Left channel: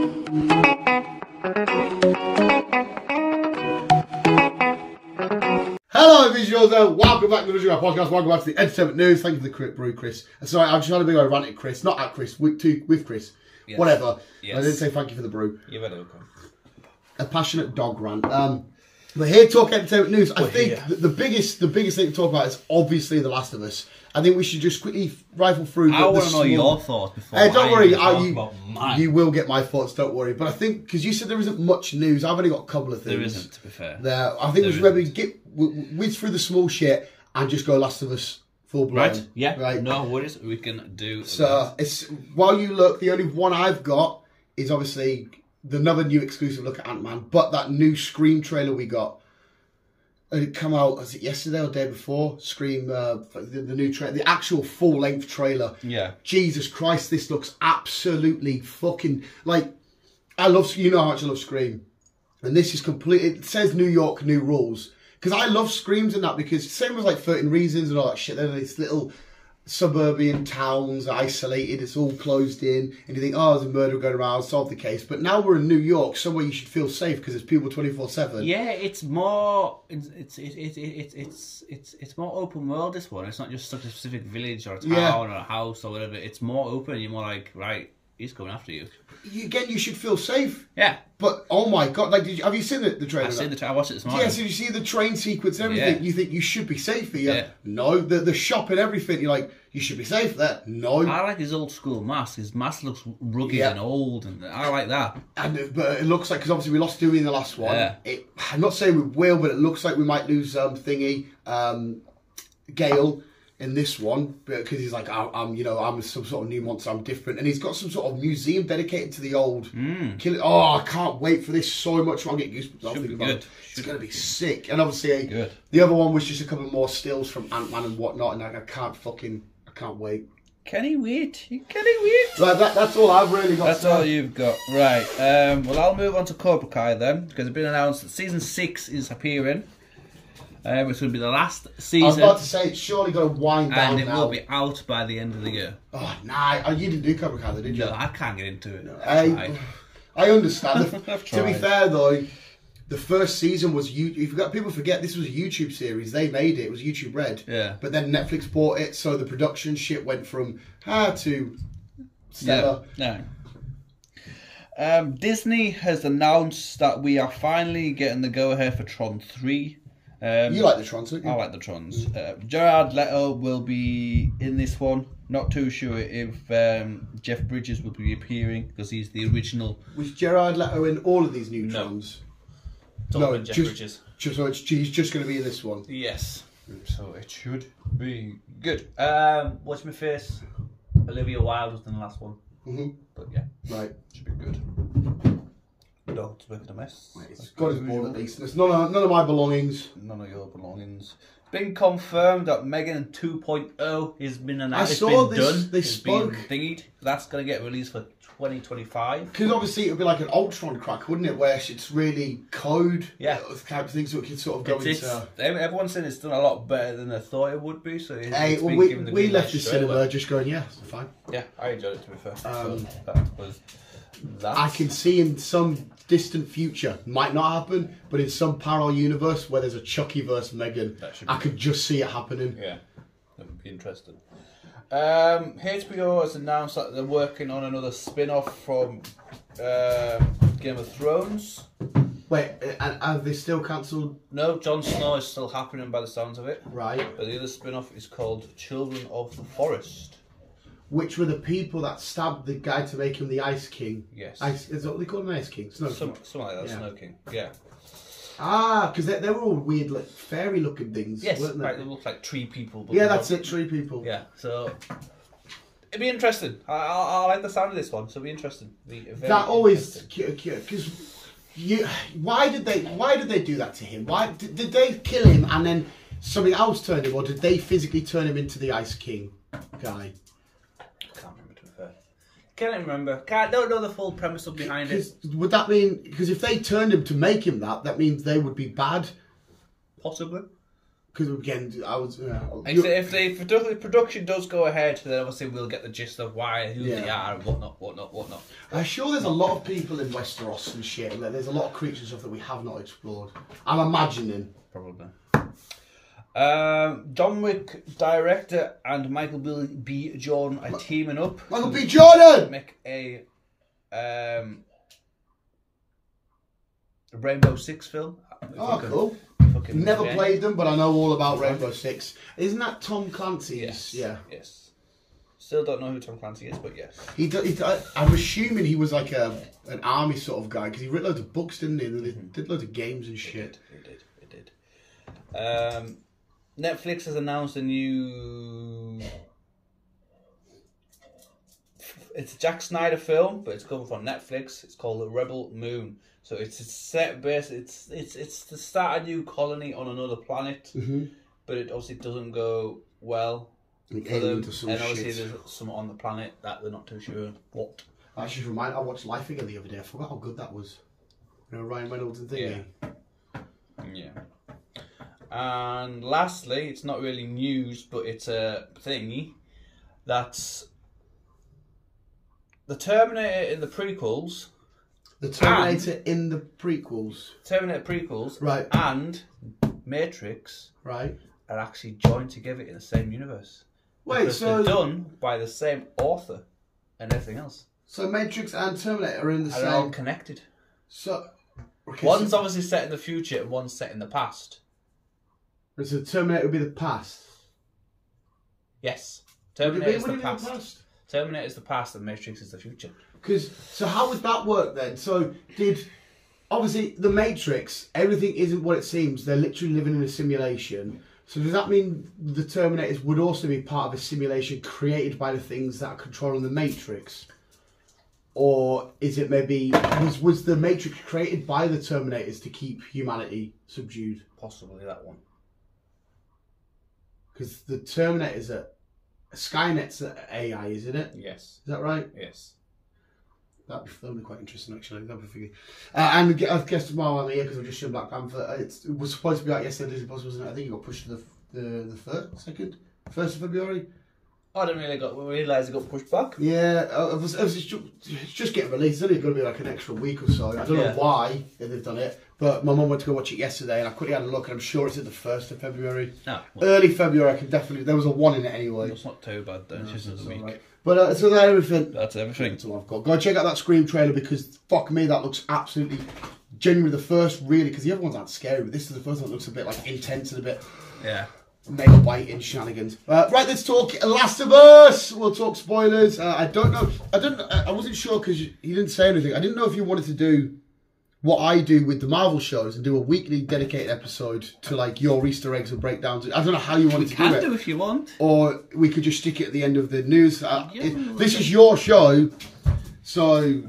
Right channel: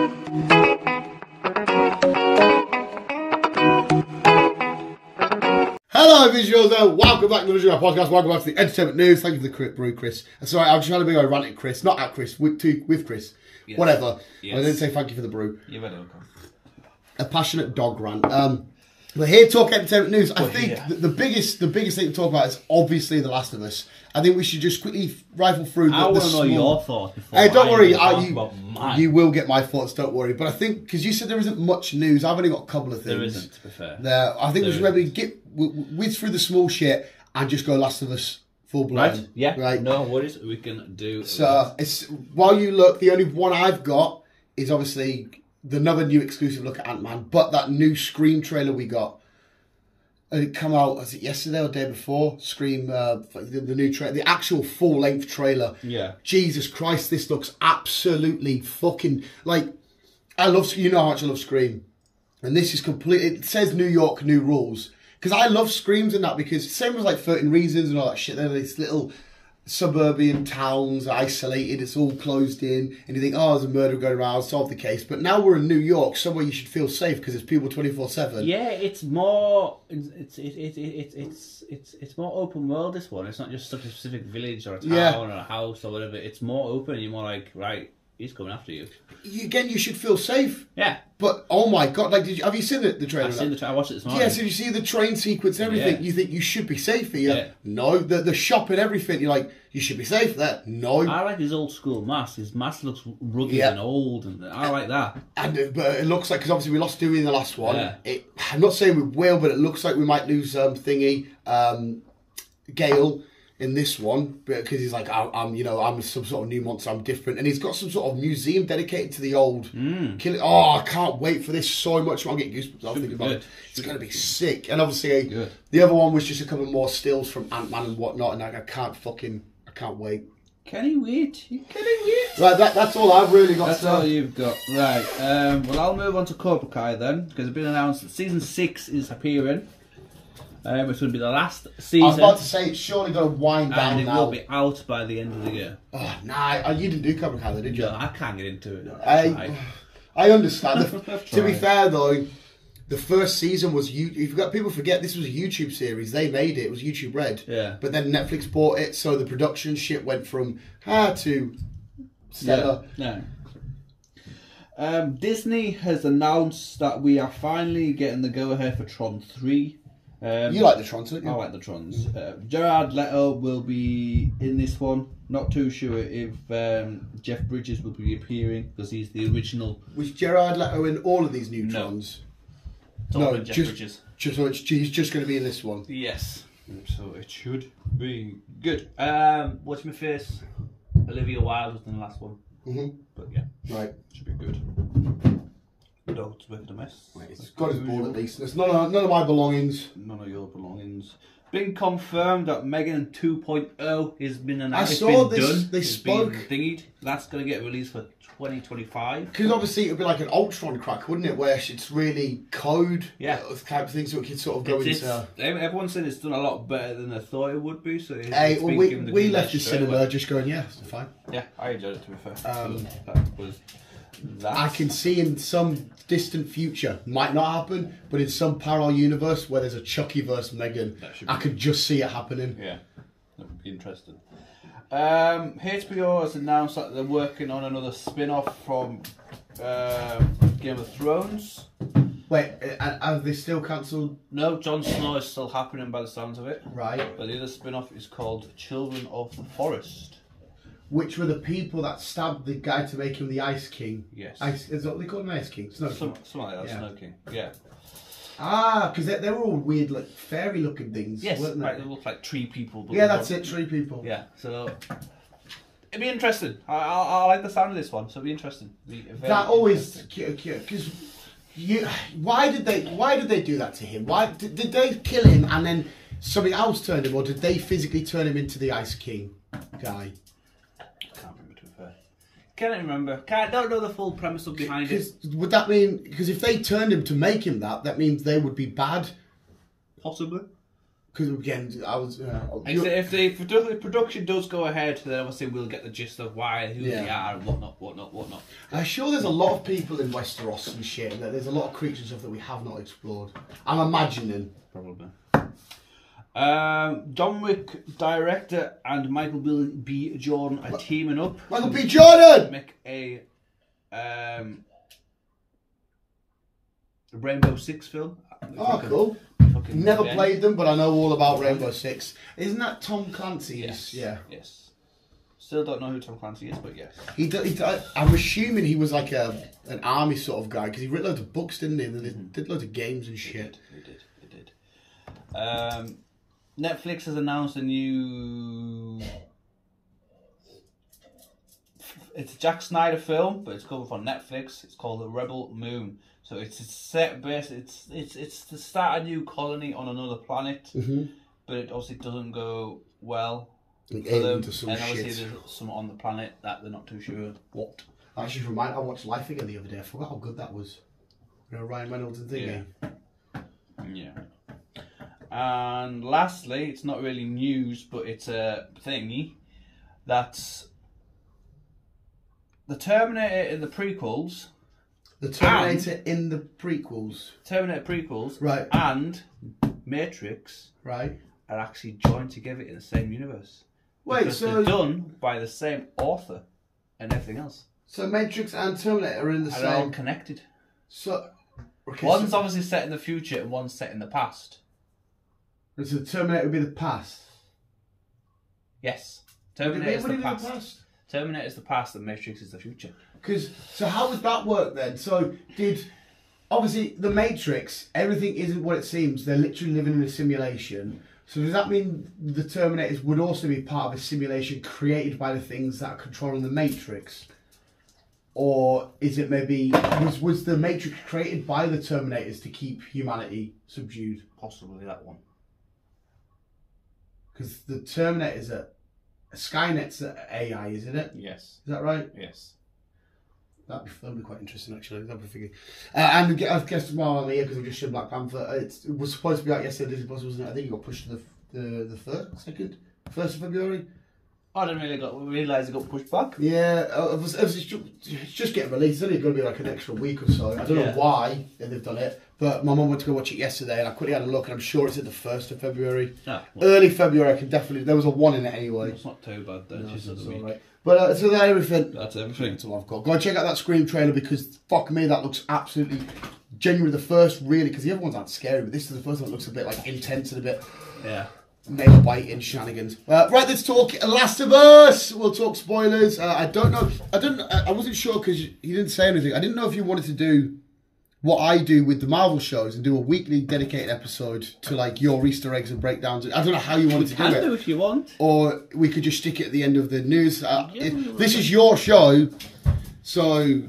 Hello, visuals, and welcome back to the podcast. Welcome back to the entertainment news. Thank you for the crit brew, Chris. Sorry, I'm trying to be romantic, Chris, not at Chris, with Chris. Yes. Whatever. Yes. I didn't say thank you for the brew. You're very welcome. A passionate dog rant. We're here to talk entertainment news. I think the biggest thing to talk about is obviously The Last of Us. I think we should just quickly rifle through. I want to know your thoughts before. Don't worry, you will get my thoughts. Don't worry. But I think because you said there isn't much news, I've only got a couple of things. There isn't, to be fair. I think we should maybe whiz through the small shit and just go Last of Us full blown. Right? Yeah. Right. No worries. We can do. So while you look, the only one I've got is obviously another new exclusive look at Ant-Man, but that new Scream trailer we got. It come out, was it yesterday or the day before? Scream, the new trailer, the actual full-length trailer. Yeah. Jesus Christ, this looks absolutely fucking, like, you know how much I love Scream. And this is complete, it says New York, new rules. Because I love Screams and that, because same as like 13 Reasons and all that shit, then it's little suburban towns, isolated, it's all closed in, and you think, oh, there's a murder going around, solve the case. But now we're in New York, somewhere you should feel safe because there's people 24/7. Yeah, it's more it's more open world, this one. It's not just such a specific village or a town or a house or whatever. It's more open. You're more like, right, he's coming after you. Again, you should feel safe. Yeah. But oh my god, like, have you seen the trailer? I've seen the trailer. I watched it this morning. Yeah, so you see the train sequence and everything. You think you should be safe here. Yeah. No, the shop and everything. You're like, you should be safe there. No. I like his old school mask. His mask looks rugged and old, and I like that. But it looks like, because obviously we lost Dewey in the last one. Yeah. I'm not saying we will, but it looks like we might lose Gale in this one, because he's like, I'm some sort of new monster, I'm different, and he's got some sort of museum dedicated to the old killing. Oh, I can't wait for this so much. I'll get goosebumps. I'll think about it. It's going to be sick. And obviously, the other one was just a couple more stills from Ant-Man and whatnot, and I can't wait. Can he wait? Can he wait? Right, that's all I've really got. That's all you've got. Right. Well, I'll move on to Cobra Kai then, because it's been announced that season 6 is appearing. It's going to be the last season. I was about to say, it's surely going to wind down now. And it will be out by the end of the year. Oh, nah, you didn't do Cobra Kai though, did you? No, I can't get into it. I understand. To be fair though, the first season was, people forget this was a YouTube series. They made it. It was YouTube Red. Yeah. But then Netflix bought it, so the production shit went from to stellar. Yeah. No. Disney has announced that we are finally getting the go-ahead for Tron 3. You like the Trons, don't you? I like the Trons. Jared Leto will be in this one. Not too sure if Jeff Bridges will be appearing, because he's the original. Was Jared Leto in all of these new Trons? No, Jeff Bridges. He's just going to be in this one. Yes. So it should be good. Watch my face. Olivia Wilde was in the last one. But yeah, right, should be good. Dog's making a mess. It's got his ball at least. It's none of my belongings. None of your belongings. Been confirmed that Megan 2.0 has been announced. I saw this. Done. They spoke. Thingied. That's going to get released for 2025. Because obviously it would be like an Ultron crack, wouldn't it? Where it's really code. Yeah. Type of thing, so it can sort of go into. Everyone said it's done a lot better than they thought it would be. So we left the cinema just going, yeah, it's fine. Yeah, I enjoyed it, to be fair. I can see in some distant future, might not happen, but in some parallel universe where there's a Chucky-verse Megan, I could just see it happening. Yeah, that would be interesting. HBO has announced that they're working on another spin-off from Game of Thrones. Wait, have they still cancelled? No, Jon Snow is still happening by the sounds of it. Right. But the other spin-off is called Children of the Forest. Which were the people that stabbed the guy to make him the Ice King. Yes. Is that what they call him, Ice King? Snow King. Something like that, yeah. Snow King, yeah. Ah, because they were all weird, like, fairy-looking things, weren't they? Right, they look like tree people. But yeah, that's it, tree people. Yeah, so it'd be interesting. I like the sound of this one, so it'd be interesting. That always, because why did they do that to him? Why did they kill him and then something else turned him, or did they physically turn him into the Ice King guy? Can't remember. Don't know the full premise of behind it. Would that mean, because if they turned him to make him that means they would be bad? Possibly. Because again, I was. If the production does go ahead, then obviously we'll get the gist of why, who they are, and whatnot. I'm sure there's a lot of people in Westeros and shit. Like, there's a lot of creatures and stuff that we have not explored. I'm imagining. Probably. John Wick director and Michael B. Jordan are teaming up. Michael B. Jordan! Make a Rainbow Six film. Oh, cool. Never played them, but I know all about Rainbow Six. Isn't that Tom Clancy? Yes. Yeah. Yes. Still don't know who Tom Clancy is, but yes. I'm assuming he was like an army sort of guy, because he wrote loads of books, didn't he? And he did loads of games and shit. He did. Netflix has announced a new... It's a Jack Snyder film, but it's coming from Netflix. It's called The Rebel Moon. So it's a set base. It's to start a new colony on another planet, but it obviously doesn't go well for them. And obviously there's some on the planet that they're not too sure what. Actually, I watched Life Again the other day. I forgot how good that was. You know, Ryan Reynolds and thingy. Yeah. And lastly, it's not really news, but it's a thingy that's the Terminator in the prequels. The Terminator in the prequels. Terminator prequels. Right. And Matrix. Right. Are actually joined together in the same universe. Wait, because they're done by the same author and everything else. So Matrix and Terminator are in the same... Are all connected. So... Okay, one's obviously set in the future and one's set in the past. So Terminator would be the past? Yes. Terminator is the past. Terminator is the past and Matrix is the future. So how would that work then? So obviously the Matrix, everything isn't what it seems. They're literally living in a simulation. So does that mean the Terminators would also be part of a simulation created by the things that are controlling the Matrix? Or is it maybe, was the Matrix created by the Terminators to keep humanity subdued? Possibly that one. Because the Terminators are, Skynet's AI, isn't it? Yes. Is that right? Yes. That'd be quite interesting, actually. That'd be figured. And I've guessed tomorrow I'm here because I've just shown Black Panther. It was supposed to be out yesterday, Disney Plus, wasn't it? I think it got pushed to the 1st of February. I didn't realise it got pushed back. Yeah, it's just getting released. It's only going to be like an extra week or so. I don't know why they've done it, but my mum went to go watch it yesterday, and I quickly had a look, and I'm sure it's at the 1st of February. Oh, well, early February, I can definitely. There was a 1 in it anyway. It's not too bad then. It's just another week. Right. But so that's everything. That's everything. That's all I've got. Go and check out that Scream trailer because fuck me, that looks absolutely genuinely the first really. Because the other ones aren't scary, but this is the first one that looks a bit like intense and a bit. Yeah. Nail biting shenanigans. Right, let's talk Last of Us. We'll talk spoilers. I don't know. I wasn't sure because you didn't say anything. I didn't know if you wanted to do what I do with the Marvel shows and do a weekly dedicated episode to like your Easter eggs and breakdowns. I don't know how you wanted to do it. You can do if you want. Or we could just stick it at the end of the news. This is your show, so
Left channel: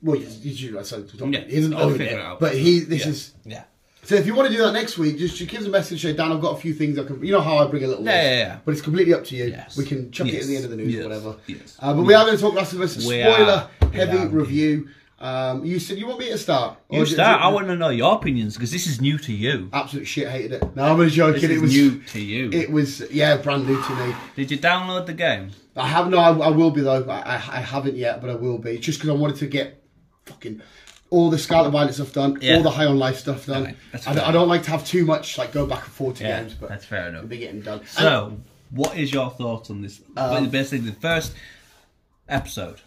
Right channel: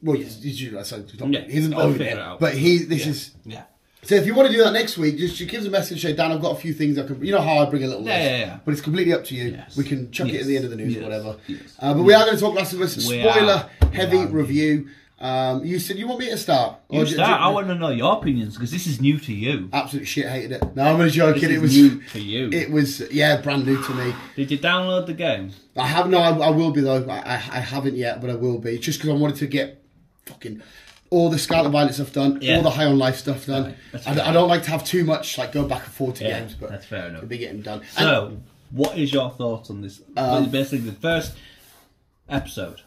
well, he isn't owning it, but this is. Yeah. So if you want to do that next week, just give us a message, say, Dan, I've got a few things I can... You know how I bring a little list. Yeah. But it's completely up to you. Yes. We can chuck it at the end of the news or whatever. Yes. But we are going to talk Last of Us, spoiler-heavy review. You said you want me to start? You start. I want to know your opinions, because this is new to you. Absolute shit, hated it. No, I'm only joking. It was new to you. It was, brand new to me. Did you download the game? I have no. I will be, though. I haven't yet, but I will be. Just because I wanted to get fucking... all the Scarlet Violet stuff done, all the High on Life stuff done. I don't like to have too much, like go back and forth to games, but that's fair enough. They'll be getting done. So, what is your thoughts on this? Basically, the first episode.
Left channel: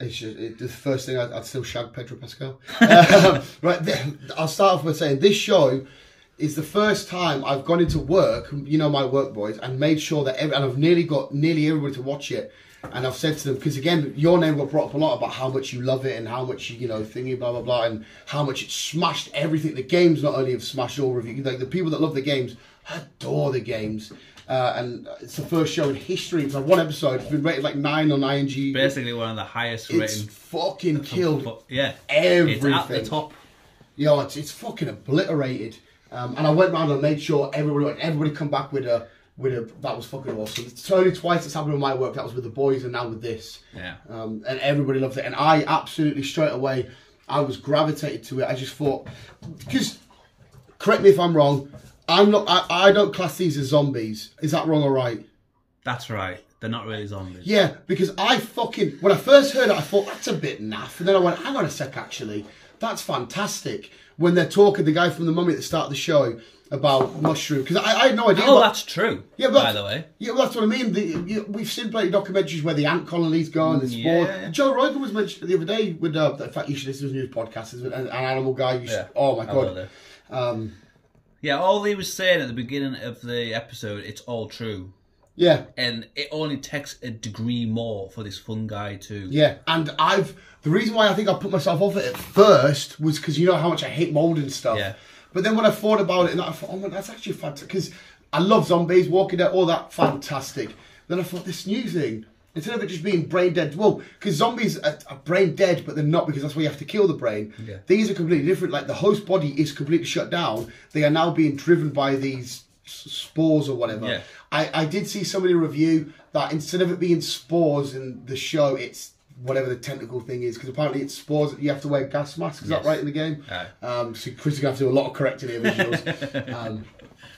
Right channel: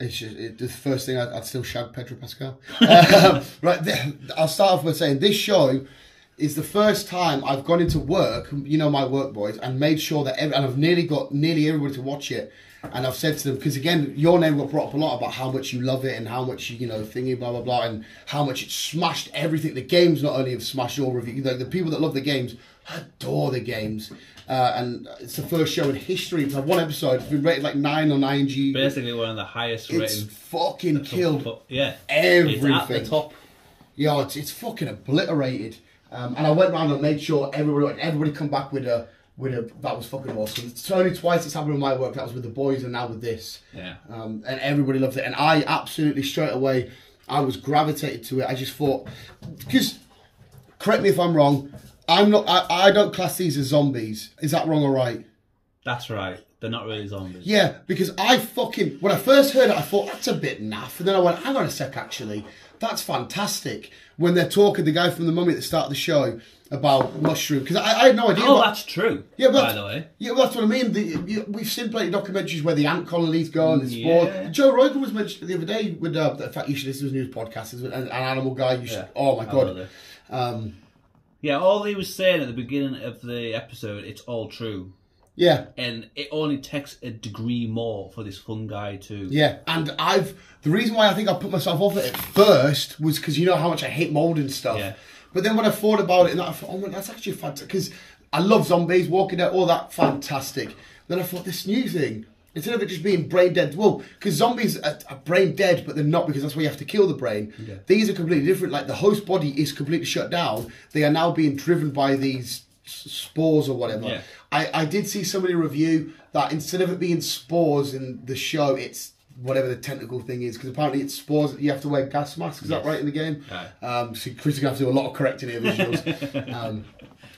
It's just, the first thing I'd still shag Pedro Pascal. Right, I'll start off by saying this show is the first time I've gone into work, you know, my work boys, and made sure that, and I've nearly got everybody to watch it. And I've said to them, because again, your name got brought up a lot about how much you love it and how much you know, thingy, blah, blah, blah, and how much it smashed everything. The games not only have smashed your review, like the people that love the games adore the games. And it's the first show in history. It's one episode. It's been rated like 9 on IMG. Basically one of the highest rated. It's fucking killed It's everything. at the top. Yo, it's fucking obliterated. And I went around and made sure everybody come back with a that was fucking awesome. It's only twice it's happened with my work. That was with the boys and now with this. Yeah. And everybody loved it. And I absolutely straight away, I was gravitated to it. I just thought, because, correct me if I'm wrong, I'm not. I don't class these as zombies. Is that wrong or right? That's right. They're not really zombies. Yeah, because when I first heard it, I thought that's a bit naff, and then I went, hang on a sec, actually, that's fantastic. When they're talking, the guy from the Mummy at the start of the show about mushroom, because I had no idea. Oh, that's true. Yeah, by the way. Yeah, well, that's what I mean. We've seen plenty of documentaries where the ant colonies go and the spores. Yeah. Joe Rogan was mentioned the other day with the fact you should listen to his news podcast. An animal guy. Oh my god. Yeah, all he was saying at the beginning of the episode, it's all true. Yeah. And it only takes a degree more for this fungi to... Yeah, and the reason why I think I put myself off it at first was because you know how much I hate mould and stuff. Yeah. But then when I thought about it, and I thought, oh man, that's actually fantastic. Because I love zombies, Walking Dead, all that, fantastic. Then I thought, this new thing, instead of it just being brain dead, well, because zombies are brain dead, but they're not because that's why you have to kill the brain. Yeah. These are completely different. Like the host body is completely shut down. They are now being driven by these spores or whatever. Yeah. I did see somebody review that instead of it being spores in the show, it's whatever the tentacle thing is, because apparently it's spores. You have to wear gas masks. Is that right in the game? So Chris is going to have to do a lot of correcting here visuals.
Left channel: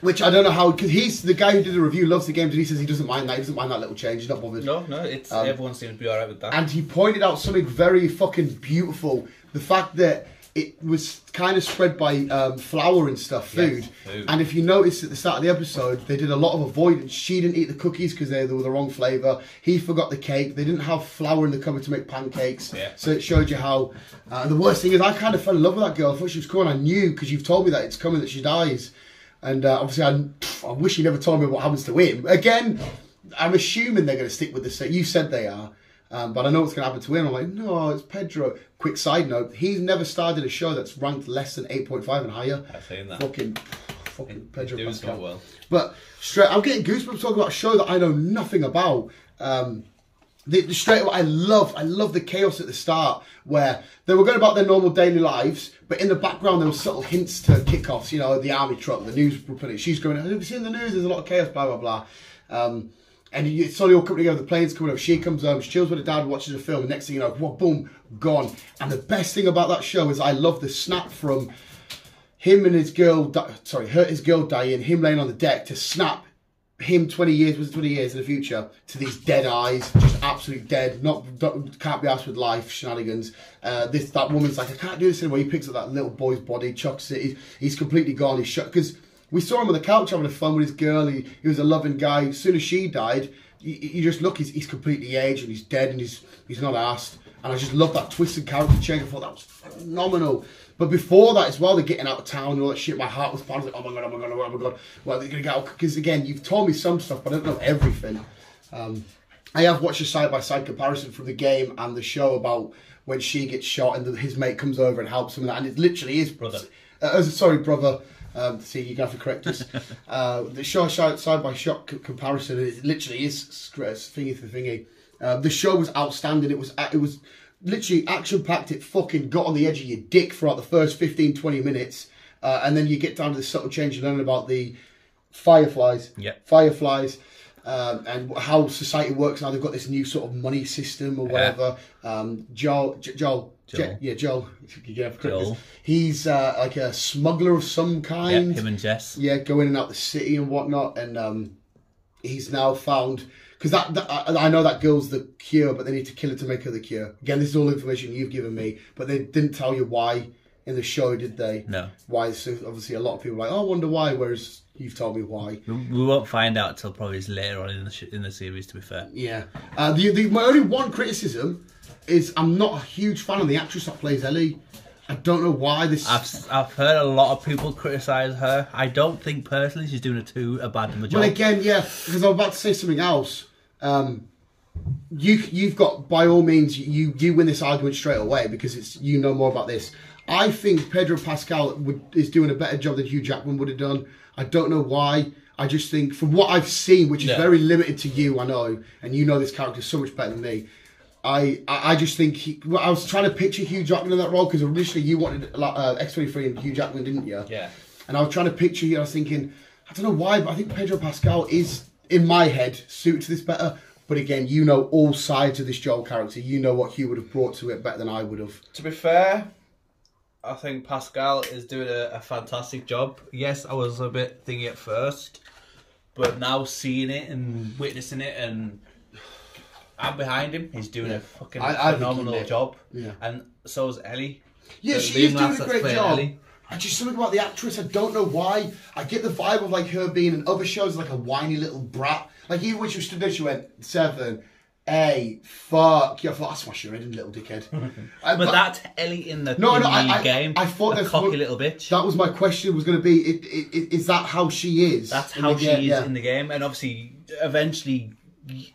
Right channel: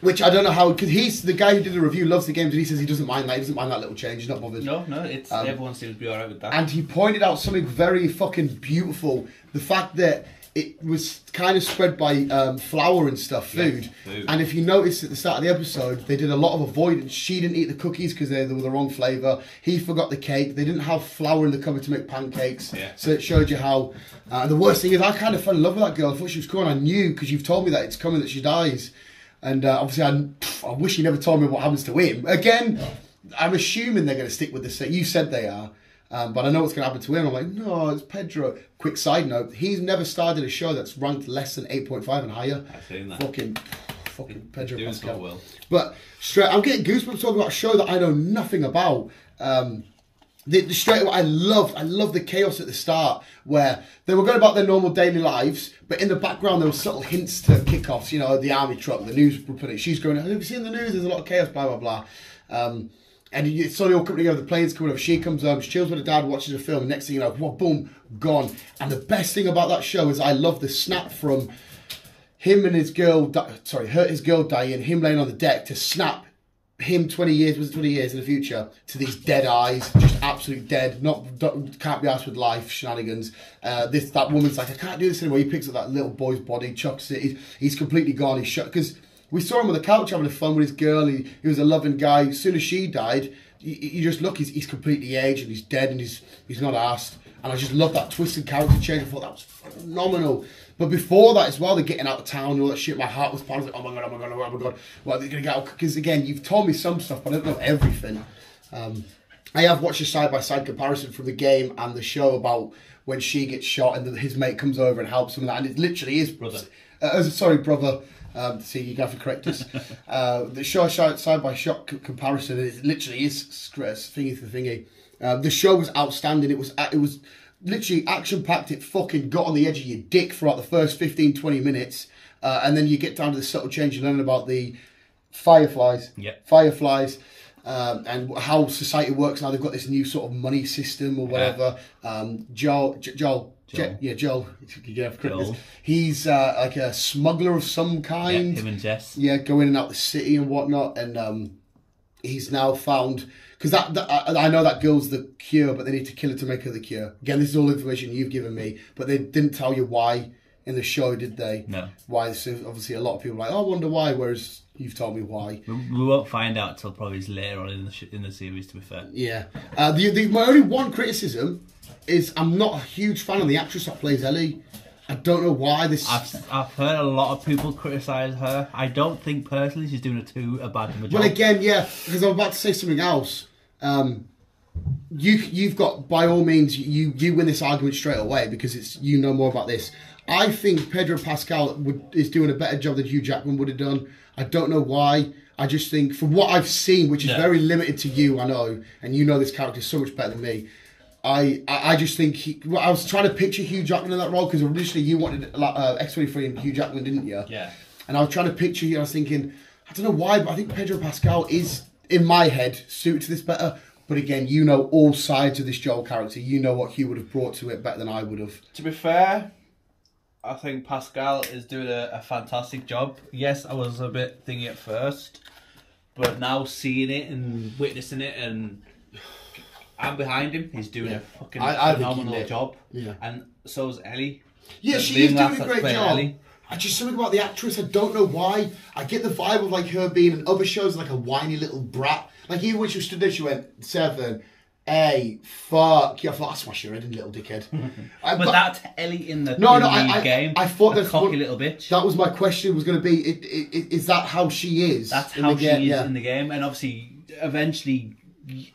Which I don't know how, because he's the guy who did the review, loves the games, and he says he doesn't mind that. He doesn't mind that little change. He's not bothered. No, it's everyone seems to be alright with that. And he pointed out something very fucking beautiful: the fact that it was kind of spread by flour and stuff, food. Yes, and if you notice at the start of the episode, they did a lot of avoidance. She didn't eat the cookies because they were the wrong flavour. He forgot the cake. They didn't have flour in the cupboard to make pancakes. Yeah. So it showed you how... the worst thing is I kind of fell in love with that girl. I thought she was cool, and I knew, because you've told me that it's coming, that she dies. And obviously I wish you never told me what happens to him. Again, I'm assuming they're going to stick with this. You said they are. But I know what's going to happen to him. I'm like, no, it's Pedro. Quick side note, he's never started a show that's ranked less than 8.5 and higher. I've seen that. Fucking Pedro doing Pascal. So well. But I'm getting goosebumps talking about a show that I know nothing about. Straight away, I love the chaos at the start where they were going about their normal daily lives, but in the background there were subtle hints to kickoffs. You know, the army truck, the news reporter. She's going, have you seen the news? There's a lot of chaos, blah, blah, blah. And it's slowly all coming together, the plane's coming over, she comes home, she chills with her dad, watches a film, and next thing you know, whoa, boom, gone. And the best thing about that show is I love the snap from him and his girl, his girl dying, him laying on the deck, to snap him 20 years in the future, to these dead eyes, just absolute dead, can't be asked with life shenanigans. That woman's like, I can't do this anymore. He picks up that little boy's body, chucks it, he's completely gone, he's shut, because we saw him on the couch having fun with his girl. He was a loving guy. As soon as she died, you just look, he's completely aged and he's dead and he's not asked. And I just love that twisted character change. I thought that was phenomenal. But before that as well, they're getting out of town and all that shit. My heart was pounding. Like, oh my god, oh my god, oh my god. Well, they're going to get out. Because again, you've told me some stuff, but I don't know everything. I have watched a side-by-side comparison from the game and the show about when she gets shot and his mate comes over and helps him with that. And it literally is... Brother. Brother. See, you have to correct this. The show side-by-shot comparison, it literally is thingy for thingy. The show was outstanding. It was literally action-packed. It fucking got on the edge of your dick throughout the first 15-20 minutes. And then you get down to the subtle change and learn about the fireflies. Yeah. Fireflies. And how society works now. They've got this new sort of money system or whatever. Joel. He's like a smuggler of some kind. Yeah, him and Jess. Yeah, go in and out the city and whatnot. And he's now found... Because I know that girl's the cure, but they need to kill her to make her the cure. Again, this is all information you've given me. But they didn't tell you why in the show, did they? No. Why? So obviously, a lot of people are like, oh, I wonder why, whereas... You've told me why. We won't find out until probably later on in the series, to be fair. Yeah. My only one criticism is I'm not a huge fan of the actress that plays Ellie. I don't know why this... I've heard a lot of people criticise her. I don't think personally she's doing a bad job. Well, again, yeah, because I'm about to say something else. You've got, by all means, you win this argument straight away because you know more about this. I think Pedro Pascal is doing a better job than Hugh Jackman would have done. I don't know why. I just think, from what I've seen, which is very limited to you, I know, and you know this character so much better than me, I just think... I was trying to picture Hugh Jackman in that role, because initially you wanted X-23 and Hugh Jackman, didn't you? Yeah. And I was trying to picture you, and I was thinking, I don't know why, but I think Pedro Pascal is, in my head, suited to this better. But again, you know all sides of this Joel character. You know what Hugh would have brought to it better than I would have. To be fair... I think Pascal is doing a fantastic job. Yes, I was a bit thingy at first, but now seeing it and witnessing it, and I'm behind him. He's doing a fucking phenomenal job. Yeah. And so is Ellie. Yeah, she is doing a great job. Ellie. I just something about the actress. I don't know why. I get the vibe of like her being in other shows like a whiny little brat. Like even when she stood there, she went 7, 8, fuck. Yeah, I thought, I smash your head in, little dickhead. But that's Ellie in the game. I thought that cocky little bitch. That was my question. Was going to be, is that how she is? That's how she is in the game, and obviously, eventually.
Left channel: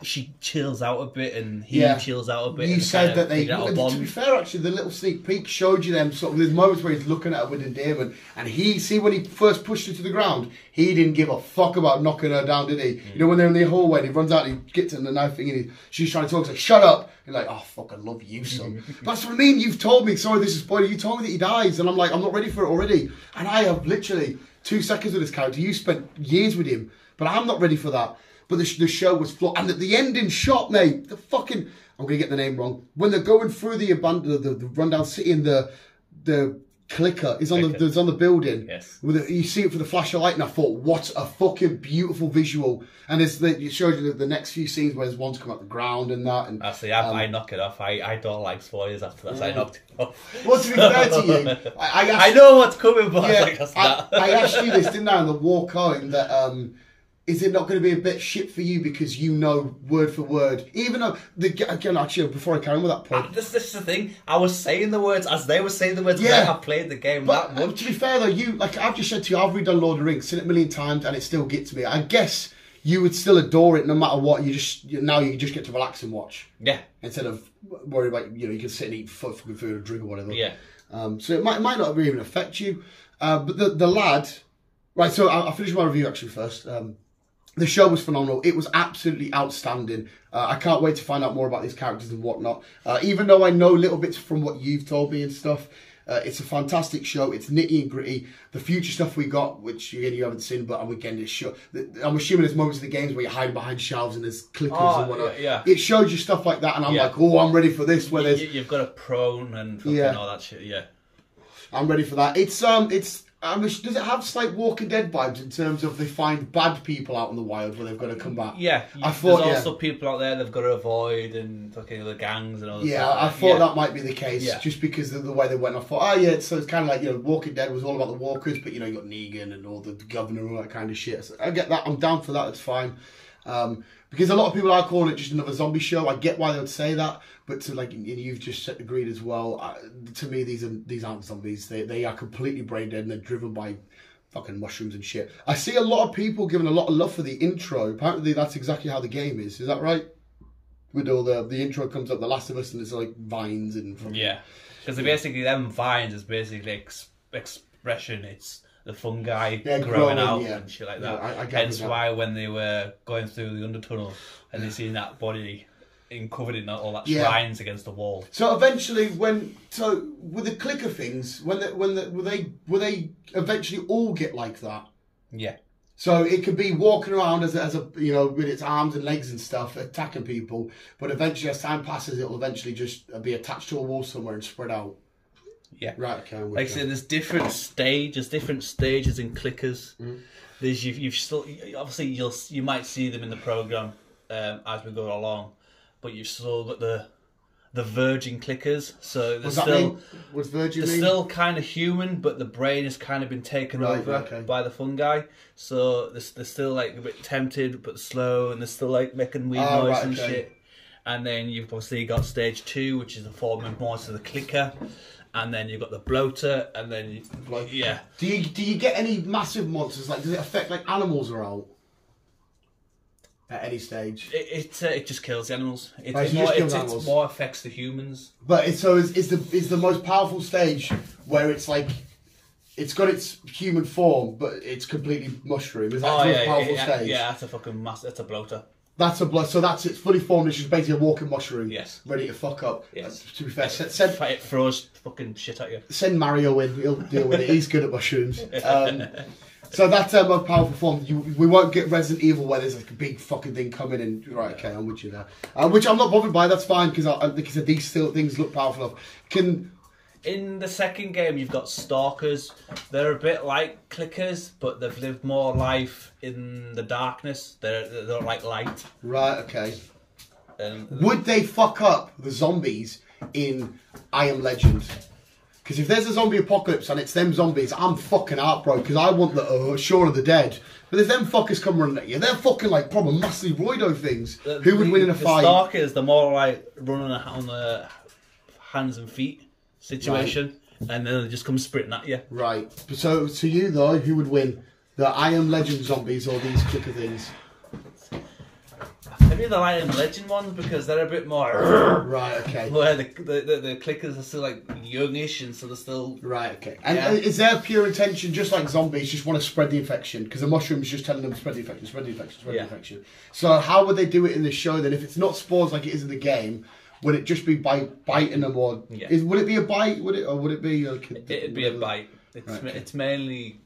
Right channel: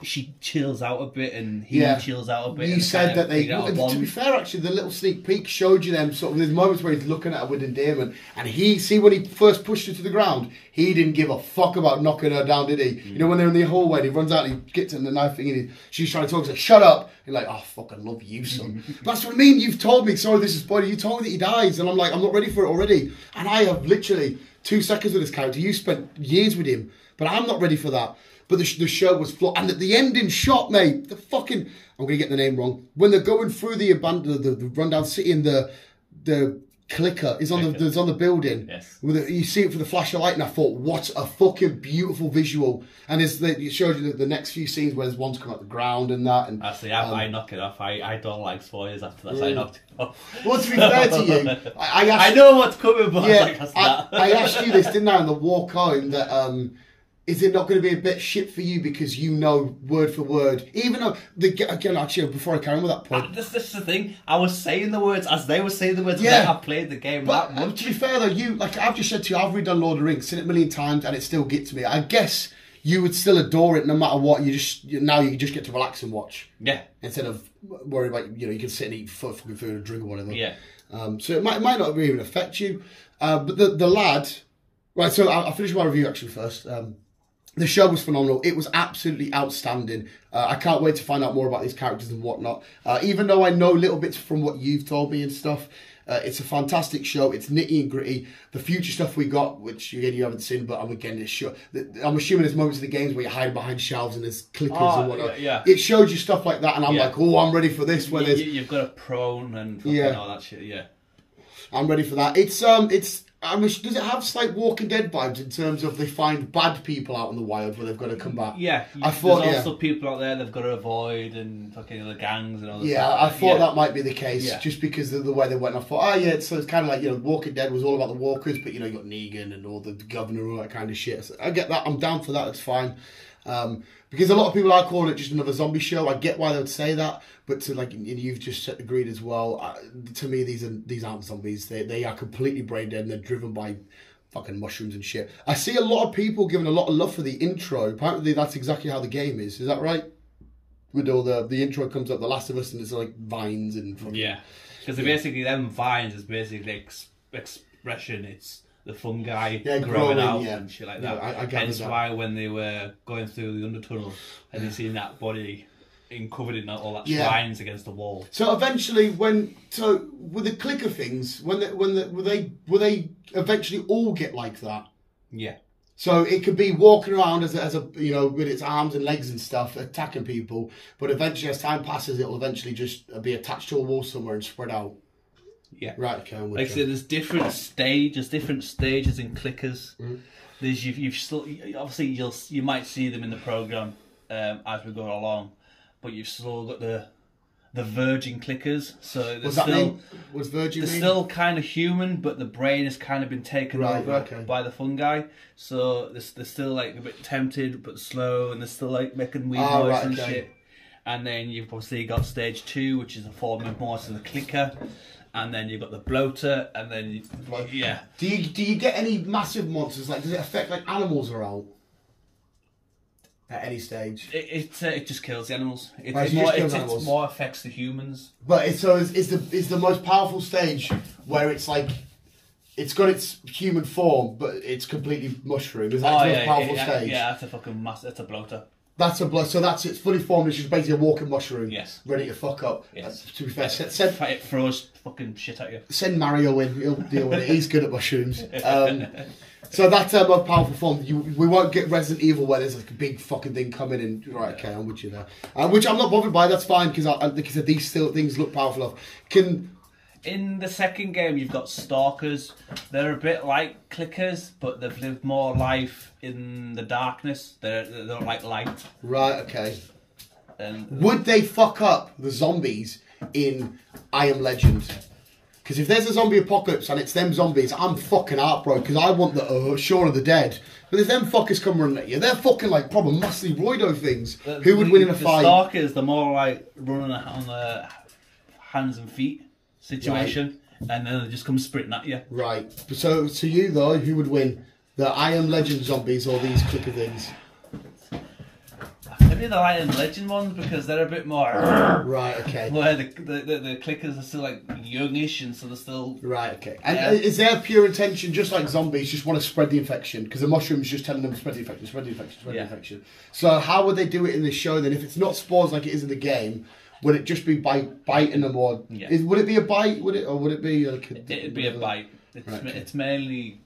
She chills out a bit, and he chills out a bit. You said that they. To be fair, actually, the little sneak peek showed you them sort of. There's moments where he's looking at her with endearment, and when he first pushed her to the ground, he didn't give a fuck about knocking her down, did he? You know, when they're in the hallway, he runs out and he gets in the knife thing, and she's trying to talk. He's like, "Shut up!" You're like, "Oh, fuck, I love you, son." That's what I mean. You've told me. Sorry, this is spoiler. You told me that he dies, and I'm like, I'm not ready for it already. And I have literally 2 seconds with this character. You spent years with him, but I'm not ready for that. But the show was flawed. And at the ending shot, mate, the fucking... I'm going to get the name wrong. When they're going through the rundown city and the clicker is on the building. Yes. You see it for the flash of light, and I thought, what a fucking beautiful visual. And it showed you the next few scenes where there's ones come out the ground and that. And, I knock it off. I don't like spoilers after that, so I knocked it off. Well, to be fair to you, I know what's coming, but I asked you this, didn't I, on the walk home, that... is it not going to be a bit shit for you because you know word for word? Even though, again, actually, before I carry on with that point... This is the thing. I was saying the words as they were saying the words. Yeah. I played the game that much. To be fair, though, I've just said to you, I've redone Lord of the Rings, seen it a million times, and it still gets me. I guess you would still adore it no matter what. Now you just get to relax and watch. Yeah. Instead of worrying about, you can sit and eat fucking food or drink or whatever. Yeah. So it might not even affect you. But the lad... Right, so I'll finish my review actually first. The show was phenomenal. It was absolutely outstanding. I can't wait to find out more about these characters and whatnot. Even though I know little bits from what you've told me and stuff, it's a fantastic show. It's nitty and gritty. The future stuff we got, which again you haven't seen, but I'm assuming there's moments in the games where you hide behind shelves and there's clickers and whatnot. Yeah. It shows you stuff like that, and I'm like, oh, I'm ready for this. Where you've got a prone and fucking all that shit. Yeah. I'm ready for that. Does it have slight Walking Dead vibes in terms of they find bad people out in the wild where they've got to come back? Yeah, there's also people out there they've got to avoid, and fucking other gangs and all that. Yeah, I thought that might be the case, just because of the way they went. I thought, so it's kind of like, Walking Dead was all about the walkers, but you got Negan and all the governor and all that kind of shit. So I get that. I'm down for that. It's fine. Because a lot of people are calling it just another zombie show. I get why they would say that, but you've just agreed as well. To me, these aren't zombies. They are completely brain dead, and they're driven by fucking mushrooms and shit. I see a lot of people giving a lot of love for the intro. Apparently, that's exactly how the game is. Is that right? With all the intro comes up, The Last of Us, and it's like vines and because basically them vines is basically expression. It's the fungi growing out and shit like that. I hence why when they were going through the undertunnel and they seen that body covered in all that shrines against the wall. So eventually, with the clicker things, will they eventually all get like that? Yeah. So it could be walking around as a with its arms and legs and stuff, attacking people, but eventually as time passes, it will eventually just be attached to a wall somewhere and spread out. Yeah. Right. Okay. Like I said, there's different stages in clickers. There's you've still obviously you might see them in the program as we go along, but you've still got the virgin clickers. So what's virgin? They're still kind of human, but the brain has kind of been taken over by the fungi. So they're still like a bit tempted but slow, and they're still like making weird noise and shit. And then you've obviously got stage 2, which is the forming parts of the clicker. And then you've got the bloater, and then Do you get any massive monsters? Like, does it affect like animals are out at any stage? It just kills the animals. It more affects the humans. But is the most powerful stage where it's like it's got its human form, but it's completely mushroom. Is that the most powerful stage? Yeah, that's a fucking that's a bloater. So that's it's fully formed. It's just basically a walking mushroom. Yes. Ready to fuck up. Yes. To be fair, it throws fucking shit at you. Send Mario in. He'll deal with it. He's good at mushrooms. So that's our most powerful form. We won't get Resident Evil where there's like a big fucking thing coming in. Right, okay, I'm with you there. Which I'm not bothered by. That's fine because these still things look powerful enough. In the second game, you've got stalkers. They're a bit like clickers, but they've lived more life in the darkness. They're like light. Right, okay. And would they fuck up the zombies in I Am Legend? Because if there's a zombie apocalypse and it's them zombies, I'm fucking heartbroken because I want the Shaun of the Dead. But if them fuckers come running at you, they're fucking like probably massively roido things. Who would win in a fight? The stalkers, they're more like running on the hands and feet situation, and then they just come sprinting at you. Right. So you though, who would win? The I Am Legend zombies or these clicker things? Maybe the I Am Legend ones because they're a bit more. Right. Okay. Where the clickers are still like youngish and so they're still. Right. Okay. And is their pure intention just like zombies, just want to spread the infection? Because the mushroom's just telling them spread the infection, spread the infection, spread the infection. So how would they do it in the show then? If it's not spores like it is in the game, would it just be by biting them or would it be a bite? Would it be? It'd be a bite. It's mainly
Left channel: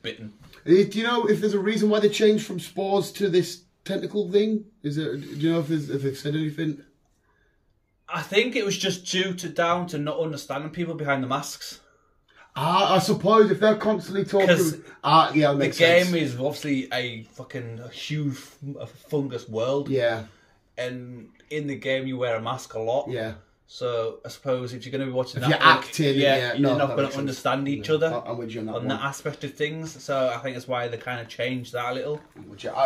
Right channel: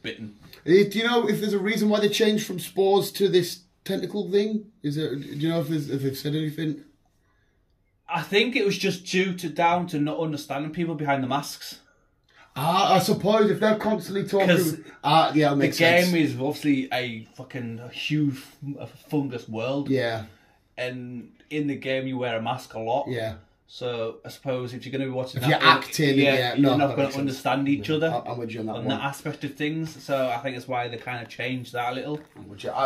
bitten. Do you know if there's a reason why they changed from spores to this tentacle thing? Do you know if they've said anything? I think it was just down to not understanding people behind the masks. I suppose if they're constantly talking, yeah, it makes sense. The game is obviously a huge fungus world. Yeah, and in the game you wear a mask a lot. Yeah. So I suppose if you're going to be watching you're acting, you're not going to understand each other. I'm with you on that that aspect of things. So I think that's why they kind of changed that a little.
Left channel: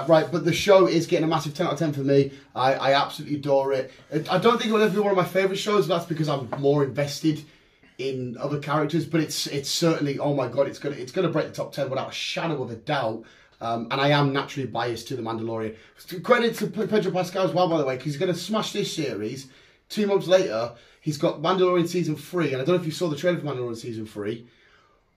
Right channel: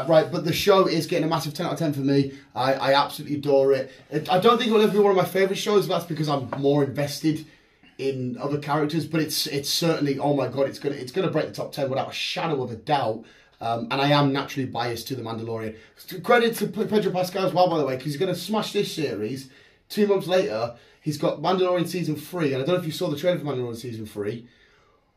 Right, but the show is getting a massive 10 out of 10 for me. I absolutely adore it. I don't think it will ever be one of my favourite shows. That's because I'm more invested in other characters. But it's certainly, oh my god, it's gonna break the top 10 without a shadow of a doubt. And I am naturally biased to The Mandalorian. Credit to Pedro Pascal as well, by the way, because he's going to smash this series. 2 months later, he's got Mandalorian Season 3, and I don't know if you saw the trailer for Mandalorian Season 3.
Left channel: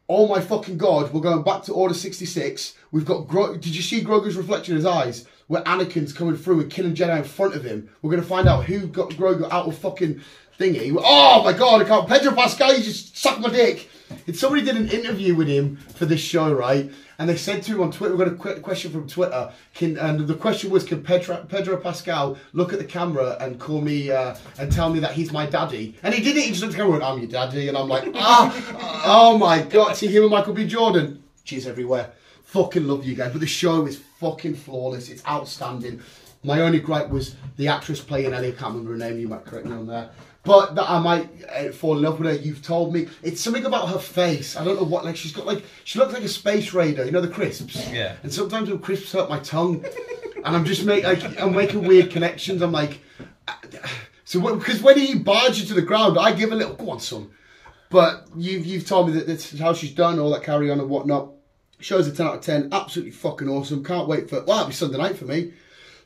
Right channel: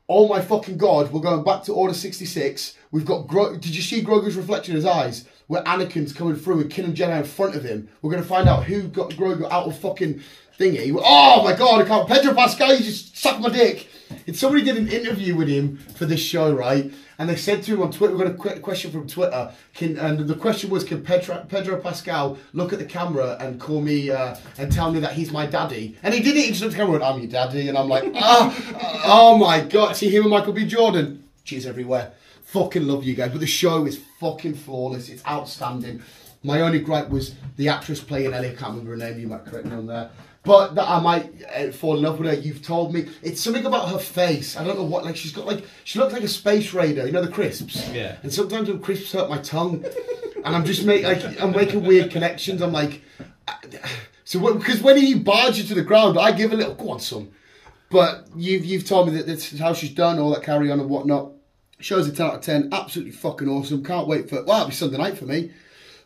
Oh my fucking god, we're going back to Order 66. We've got did you see Grogu's reflection in his eyes? Where Anakin's coming through with killing Jedi in front of him. We're going to find out who got Grogu out of fucking thingy. Oh my god, I can't. Pedro Pascal, you just suck my dick. Somebody did an interview with him for this show, right? And they said to him on Twitter, we've got a question from Twitter, and the question was, can Pedro Pascal look at the camera and call me, and tell me that he's my daddy? And he did it, he just looked at the camera and went, I'm your daddy, and I'm like, oh my god, see him and Michael B. Jordan, cheers everywhere. Fucking love you guys, but the show is fucking flawless, it's outstanding. My only gripe was the actress playing Ellie, I can't remember her name, you might correct me on there. But that I might fall in love with her. You've told me. It's something about her face. I don't know what. Like she looks like a space raider. You know the crisps. Yeah. And sometimes the crisps hurt my tongue, and I'm just I'm making weird connections. I'm like, so because when he barges you to the ground, I give a little go on, son. But you've told me that this is how she's done all that carry on and whatnot. Show's a 10 out of 10. Absolutely fucking awesome. Can't wait for. Well, it'll be Sunday night for me.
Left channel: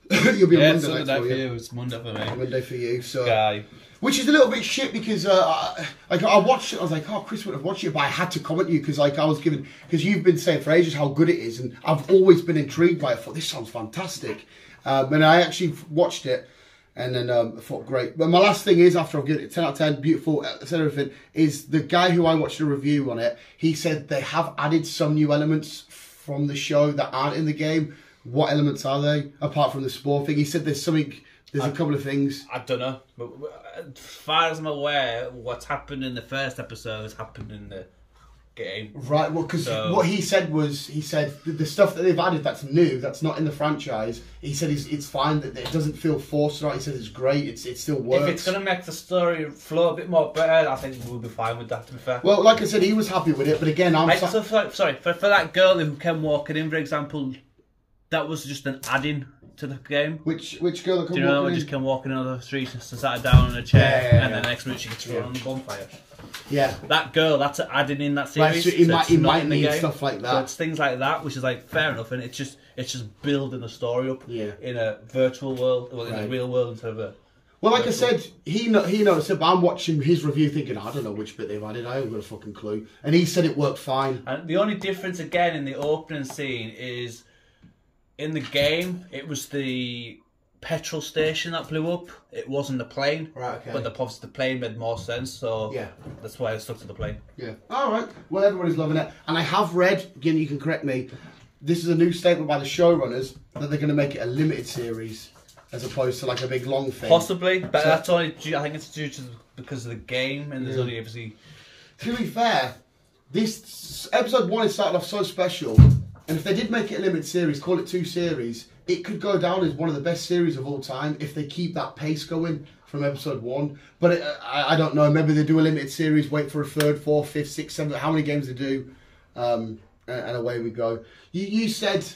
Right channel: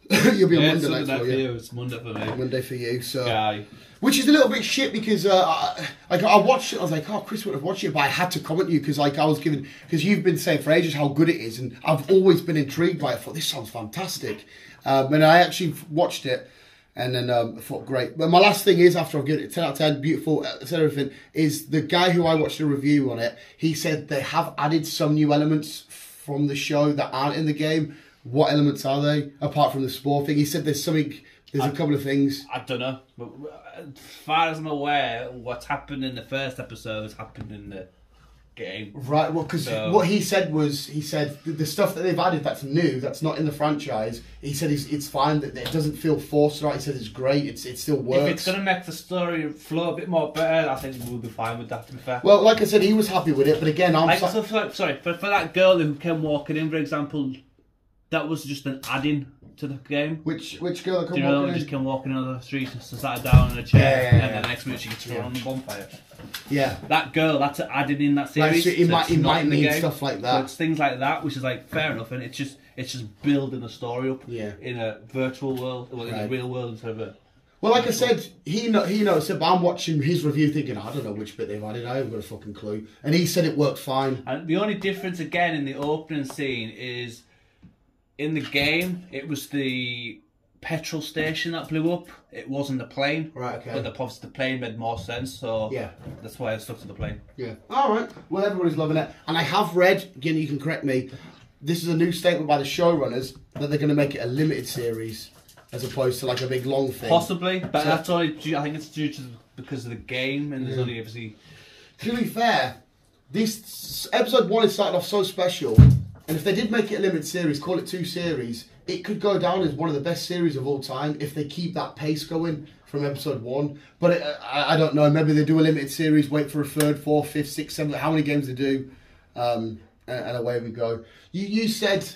You'll be on Monday night for you. It's Monday for me. Monday for you. So. Guy. Which is a little bit shit because I watched it. I was like, oh, Chris would have watched it, but I had to comment you because because you've been saying for ages how good it is, and I've always been intrigued by it. I thought this sounds fantastic, and I actually watched it, and then I thought great. But my last thing is, after I've given it 10 out of 10, beautiful, said everything, is the guy who I watched a review on it. He said they have added some new elements from the show that aren't in the game. What elements are they apart from the spore thing? He said there's something. There's a couple of things. I don't know. But as far as I'm aware, what's happened in the first episode has happened in the game. Right, well, because what he said was, the stuff that they've added that's new, that's not in the franchise, he said it's fine, that it doesn't feel forced, right? He said it's great, it still works. If it's going to make the story flow a bit more better, I think we'll be fine with that, to be fair. Well, like I said, he was happy with it, but again, for that girl who came walking in, for example, that was just an add-in to the game. Which girl that come walking in? Just came walking on the street and sat down on a chair, and the next minute she gets thrown on the bonfire. Yeah. That girl, that's adding in that series. Right, so he might need stuff like that. So it's things like that, which is like fair enough, and it's just building the story up in a virtual world, in a real world instead of a. Well, like I said, he noticed it, but I'm watching his review thinking, I don't know which bit they've added, I haven't got a fucking clue. And he said it worked fine. And the only difference again in the opening scene is, in the game, it was the petrol station that blew up. It wasn't the plane. Right, okay. But the plane made more sense, so that's why I stuck to the plane. Yeah. All right. Well, everybody's loving it. And I have read, again, you can correct me, this is a new statement by the showrunners that they're going to make it a limited series as opposed to like a big long thing. Possibly, but that's only I think it's due to because of the game, and there's only obviously to be fair, this episode 1 is started off so special, and if they did make it a limited series, call it 2 series, it could go down as one of the best series of all time if they keep that pace going from episode 1. But I don't know. Maybe they do a limited series, wait for a 3rd, 4th, 5th, 6th, 7th, how many games they do, and away we go. You said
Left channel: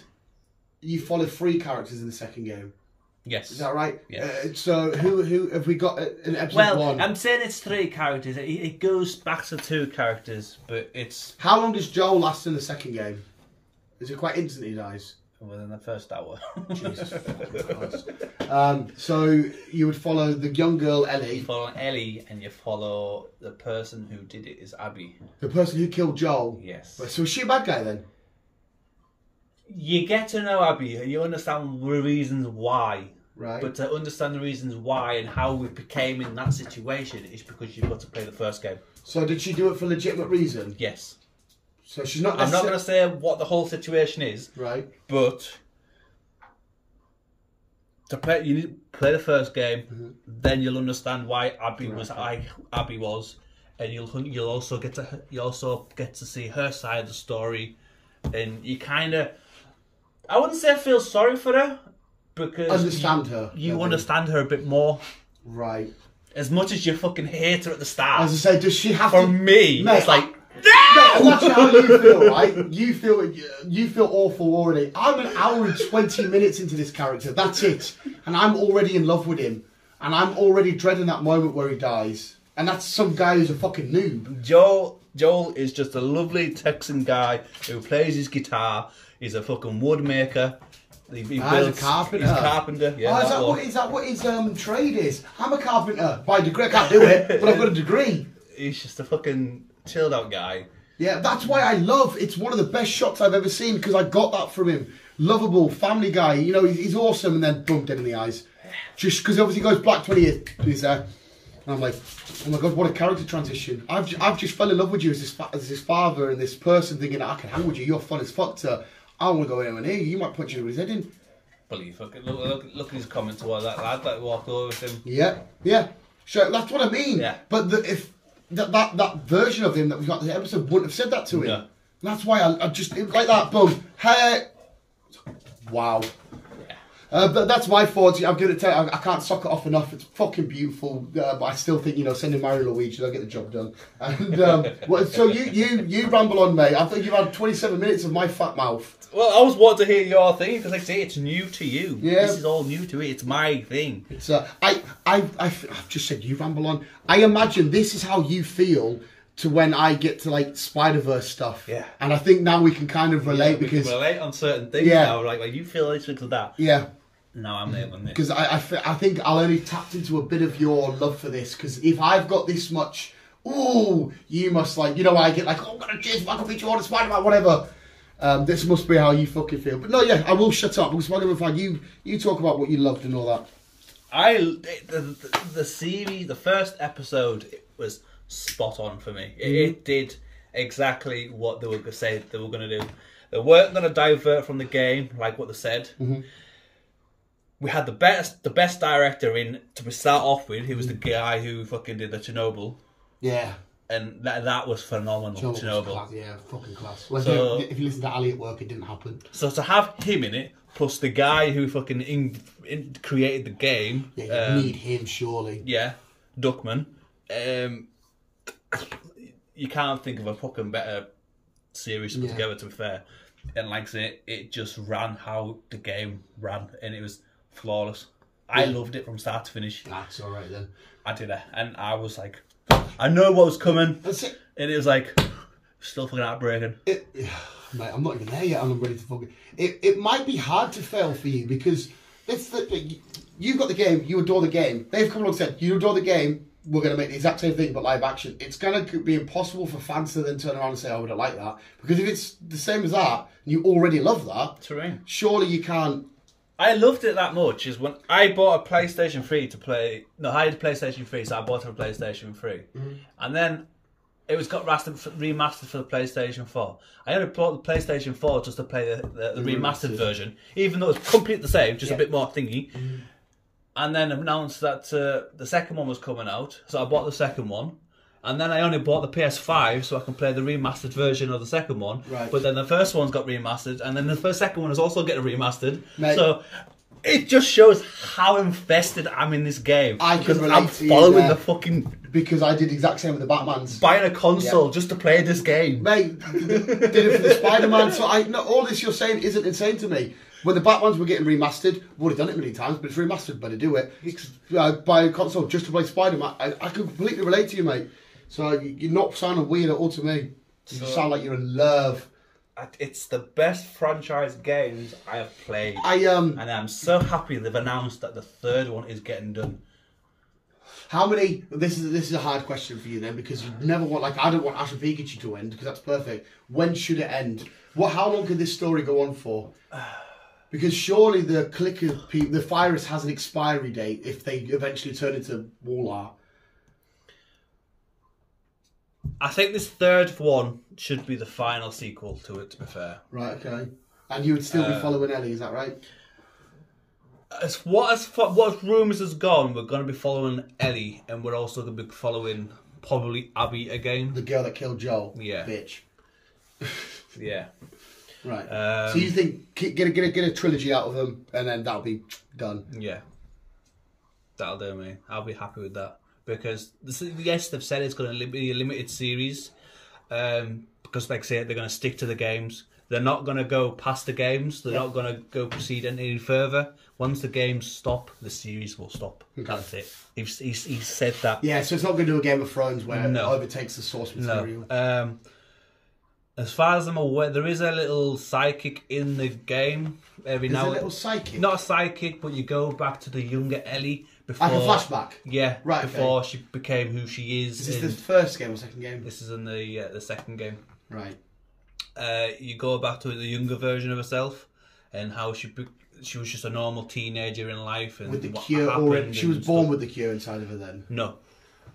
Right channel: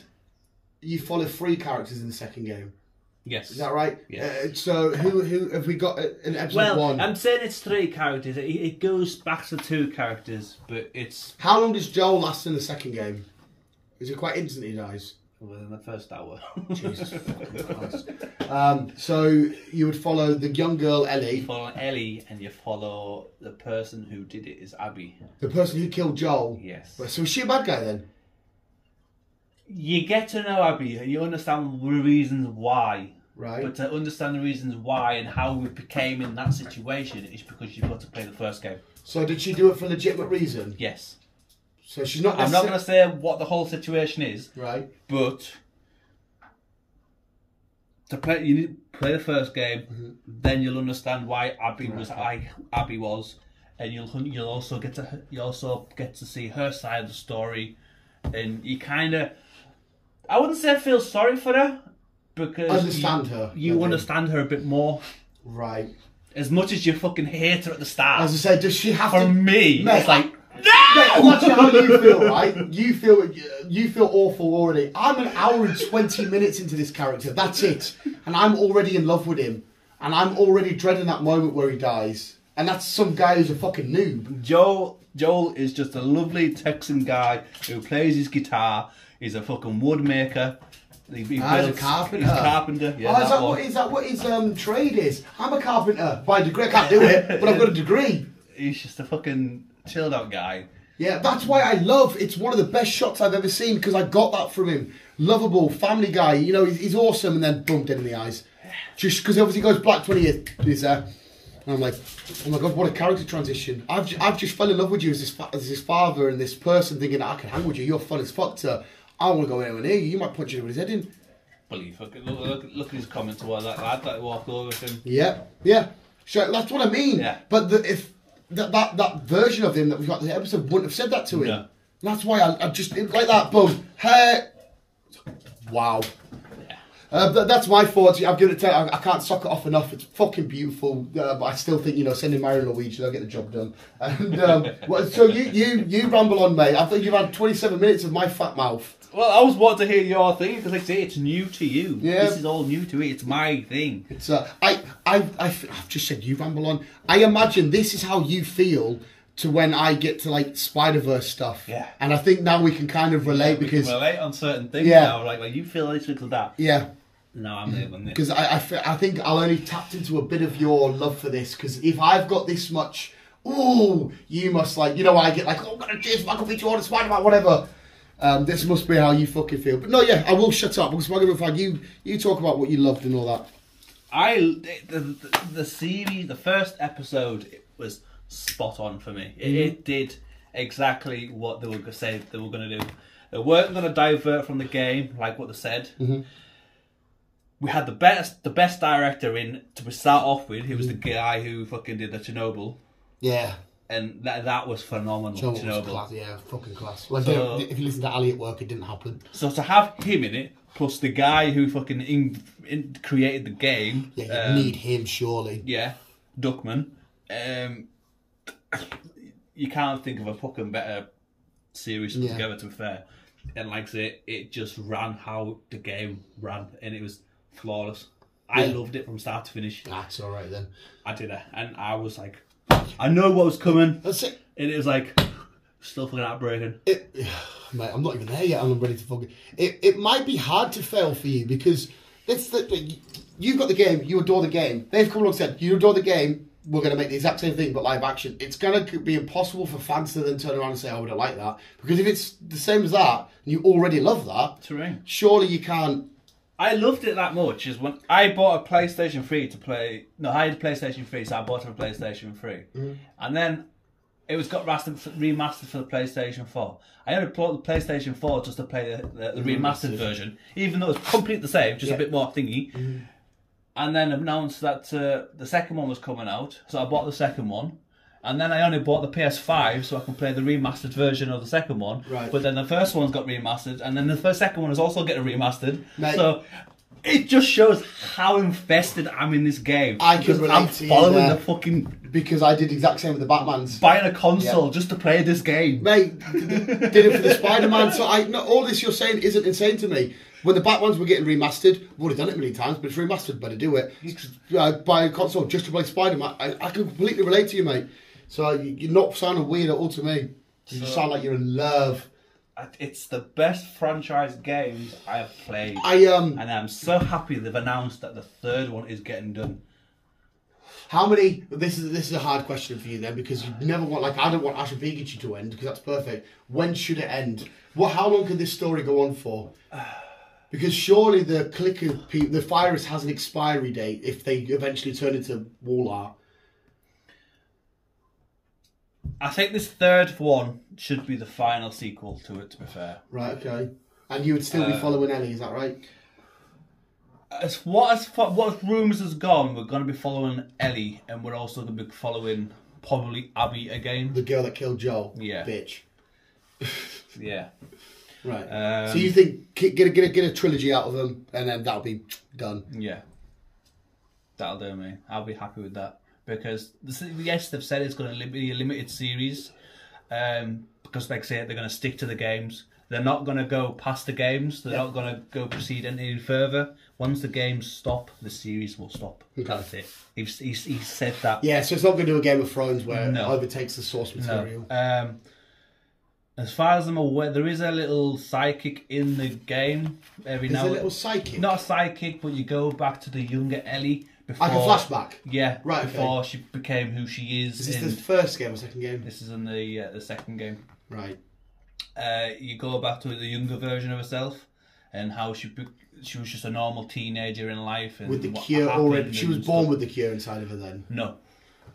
you follow 3 characters in the second game. Yes. Is that right? Yes. So who have we got in episode 1? Well, I'm saying it's 3 characters. It goes back to 2 characters, but it's... How long does Joel last in the second game? Is it quite instant he dies? Within the first hour. Jesus fucking Christ. So you would follow the young girl Ellie. You follow Ellie, and you follow the person who did it is Abby. The person who killed Joel? Yes. So is she a bad guy then? You get to know Abby, and you understand the reasons why. Right. But to understand the reasons why and how we became in that situation is because you've got to play the first game. So did she do it for legitimate reason? Yes. So she's not... I'm not going to say what the whole situation is. Right. But to play, you need to play the first game, then you'll understand why Abby was Abby was, and you'll also get to see her side of the story, and you kind of, I wouldn't say feel sorry for her, because understand her. You understand her a bit more. Right. As much as you fucking hate her at the start. As I say, does she have for to... me, Mate, it's like, no! That's how you feel, right? You feel awful already. I'm an hour and 20 minutes into this character. That's it. And I'm already in love with him. And I'm already dreading that moment where he dies. And that's some guy who's a fucking noob. Joel is just a lovely Texan guy who plays his guitar. He's a fucking wood maker. He He's a carpenter. He's a carpenter. Yeah, is that what his trade is? I'm a carpenter by degree. I can't do it, but I've got a degree. He's just a fucking chilled out guy. Yeah, that's why I love. It's one of the best shots I've ever seen because I got that from him. Lovable, family guy. You know, he's awesome, and then boom, dead in the eyes. Just because obviously he goes black 20 years there. And I'm like, oh my god, what a character transition. I've just fell in love with you as his father and this person, thinking I can hang with you. You're fun as fuck. To I don't want to go anywhere near you. You might punch him with his head in. Believe look at his comment towards that lad. Like walk over with him. Yeah. Sure, that's what I mean. Yeah. But if that version of him that we got in the episode wouldn't have said that to him. Yeah. That's why I just like that. Boom. Hey. Wow. But that's my thoughts. I'm gonna tell you, I can't sock it off enough. It's fucking beautiful, but I still think sending Mario Luigi, they'll get the job done. And so you ramble on, mate. I think you've had 27 minutes of my fat mouth. Well, I was wanting to hear your thing because, like I say, it's new to you. Yeah, this is all new to me. It's my thing. It's I've just said you ramble on. I imagine this is how you feel to when I get to like Spider-Verse stuff. Yeah. And I think now we can kind of relate we because can relate on certain things now. Like you feel this to that. Yeah. No, I'm there on this. Because I think I'll only tapped into a bit of your love for this. Because if I've got this much, you must like, I get like, I'm going to chase Michael B. Jordan, Spider-Man, whatever. This must be how you fucking feel. But no, yeah, I will shut up. Because you talk about what you loved and all that. The series, the first episode, it was spot on for me. It did exactly what they were going to say they were going to do. They weren't going to divert from the game, like what they said. We had the best director in to start off with. He was the guy who fucking did the Chernobyl. Yeah. And that was phenomenal. Chernobyl. Class, yeah, fucking class. Well, so, if you listen to Ali at work, it didn't happen. So to have him in it, plus the guy who fucking created the game. Yeah, you need him, surely. Yeah, Duckman. You can't think of a fucking better series put together, to be fair. And like I say, it just ran how the game ran, and it was flawless. I loved it from start to finish. That's all right then. I did it, and I was like, I know what was coming. That's it. And it was like, still fucking heartbreaking. Mate, I'm not even there yet, and I'm ready to fucking... It might be hard to fail for you, because you've got the game, you adore the game. They've come along and said, you adore the game, we're going to make the exact same thing, but live action. It's going to be impossible for fans to then turn around and say, oh, I don't like that. Because if it's the same as that, and you already love that, terrain. Surely you can't... I loved it that much is when I bought a PlayStation 3 to play... No, I had a PlayStation 3, so I bought it for a PlayStation 3. And then it was got remastered for the PlayStation 4. I only bought the PlayStation 4 just to play the remastered version, even though it's completely the same, just a bit more thingy. And then announced that the second one was coming out, so I bought the second one. And then I only bought the PS5 so I can play the remastered version of the second one. Right. But then the first one's got remastered, and then the second one is also getting remastered. Mate. So it just shows how invested I'm in this game. I can relate I'm to you following there. the fucking... Because I did the exact same with the Batmans. Buying a console just to play this game. Mate, did it for the Spider-Man. So all this you're saying isn't insane to me. When the Batmans were getting remastered, I've already done it many times, but it's remastered, better do it. Buy a console just to play Spider-Man. I can completely relate to you, mate. So you're not sounding weird at all to me. You sound like you're in love. It's the best franchise games I have played. And I'm so happy they've announced that the third one is getting done. how many? This is a hard question for you then, because you never want, like, I don't want Ash and Pikachu to end because that's perfect. When should it end? How long could this story go on for? Because surely the virus has an expiry date if they eventually turn into wall art. I think this third one should be the final sequel to it, to be fair. Right, okay. And you would still be following Ellie, is that right? As what rumours has gone, we're going to be following Ellie, and we're also going to be following probably Abby again. The girl that killed Joel. Yeah. Bitch. Yeah. Right. So you think get a trilogy out of them, and then that'll be done. Yeah. That'll do me. I'll be happy with that. Because, yes, they've said it's going to be a limited series. Because, like I say, they're going to stick to the games. They're not going to go past the games. They're not going to go proceed any further. Once the games stop, the series will stop. Okay. That's it. He's said that. Yeah, so it's not going to do a Game of Thrones where it overtakes the source material. No. As far as I'm aware, there is a little psychic in the game. There's a little psychic? Not a psychic, but you go back to the younger Ellie. Before, like a flashback? Yeah, right, before she became who she is. Is this the first game or second game? This is in the second game. Right. You go back to the younger version of herself and how she was just a normal teenager in life. And with the cure already. She was born with the cure inside of her then? No.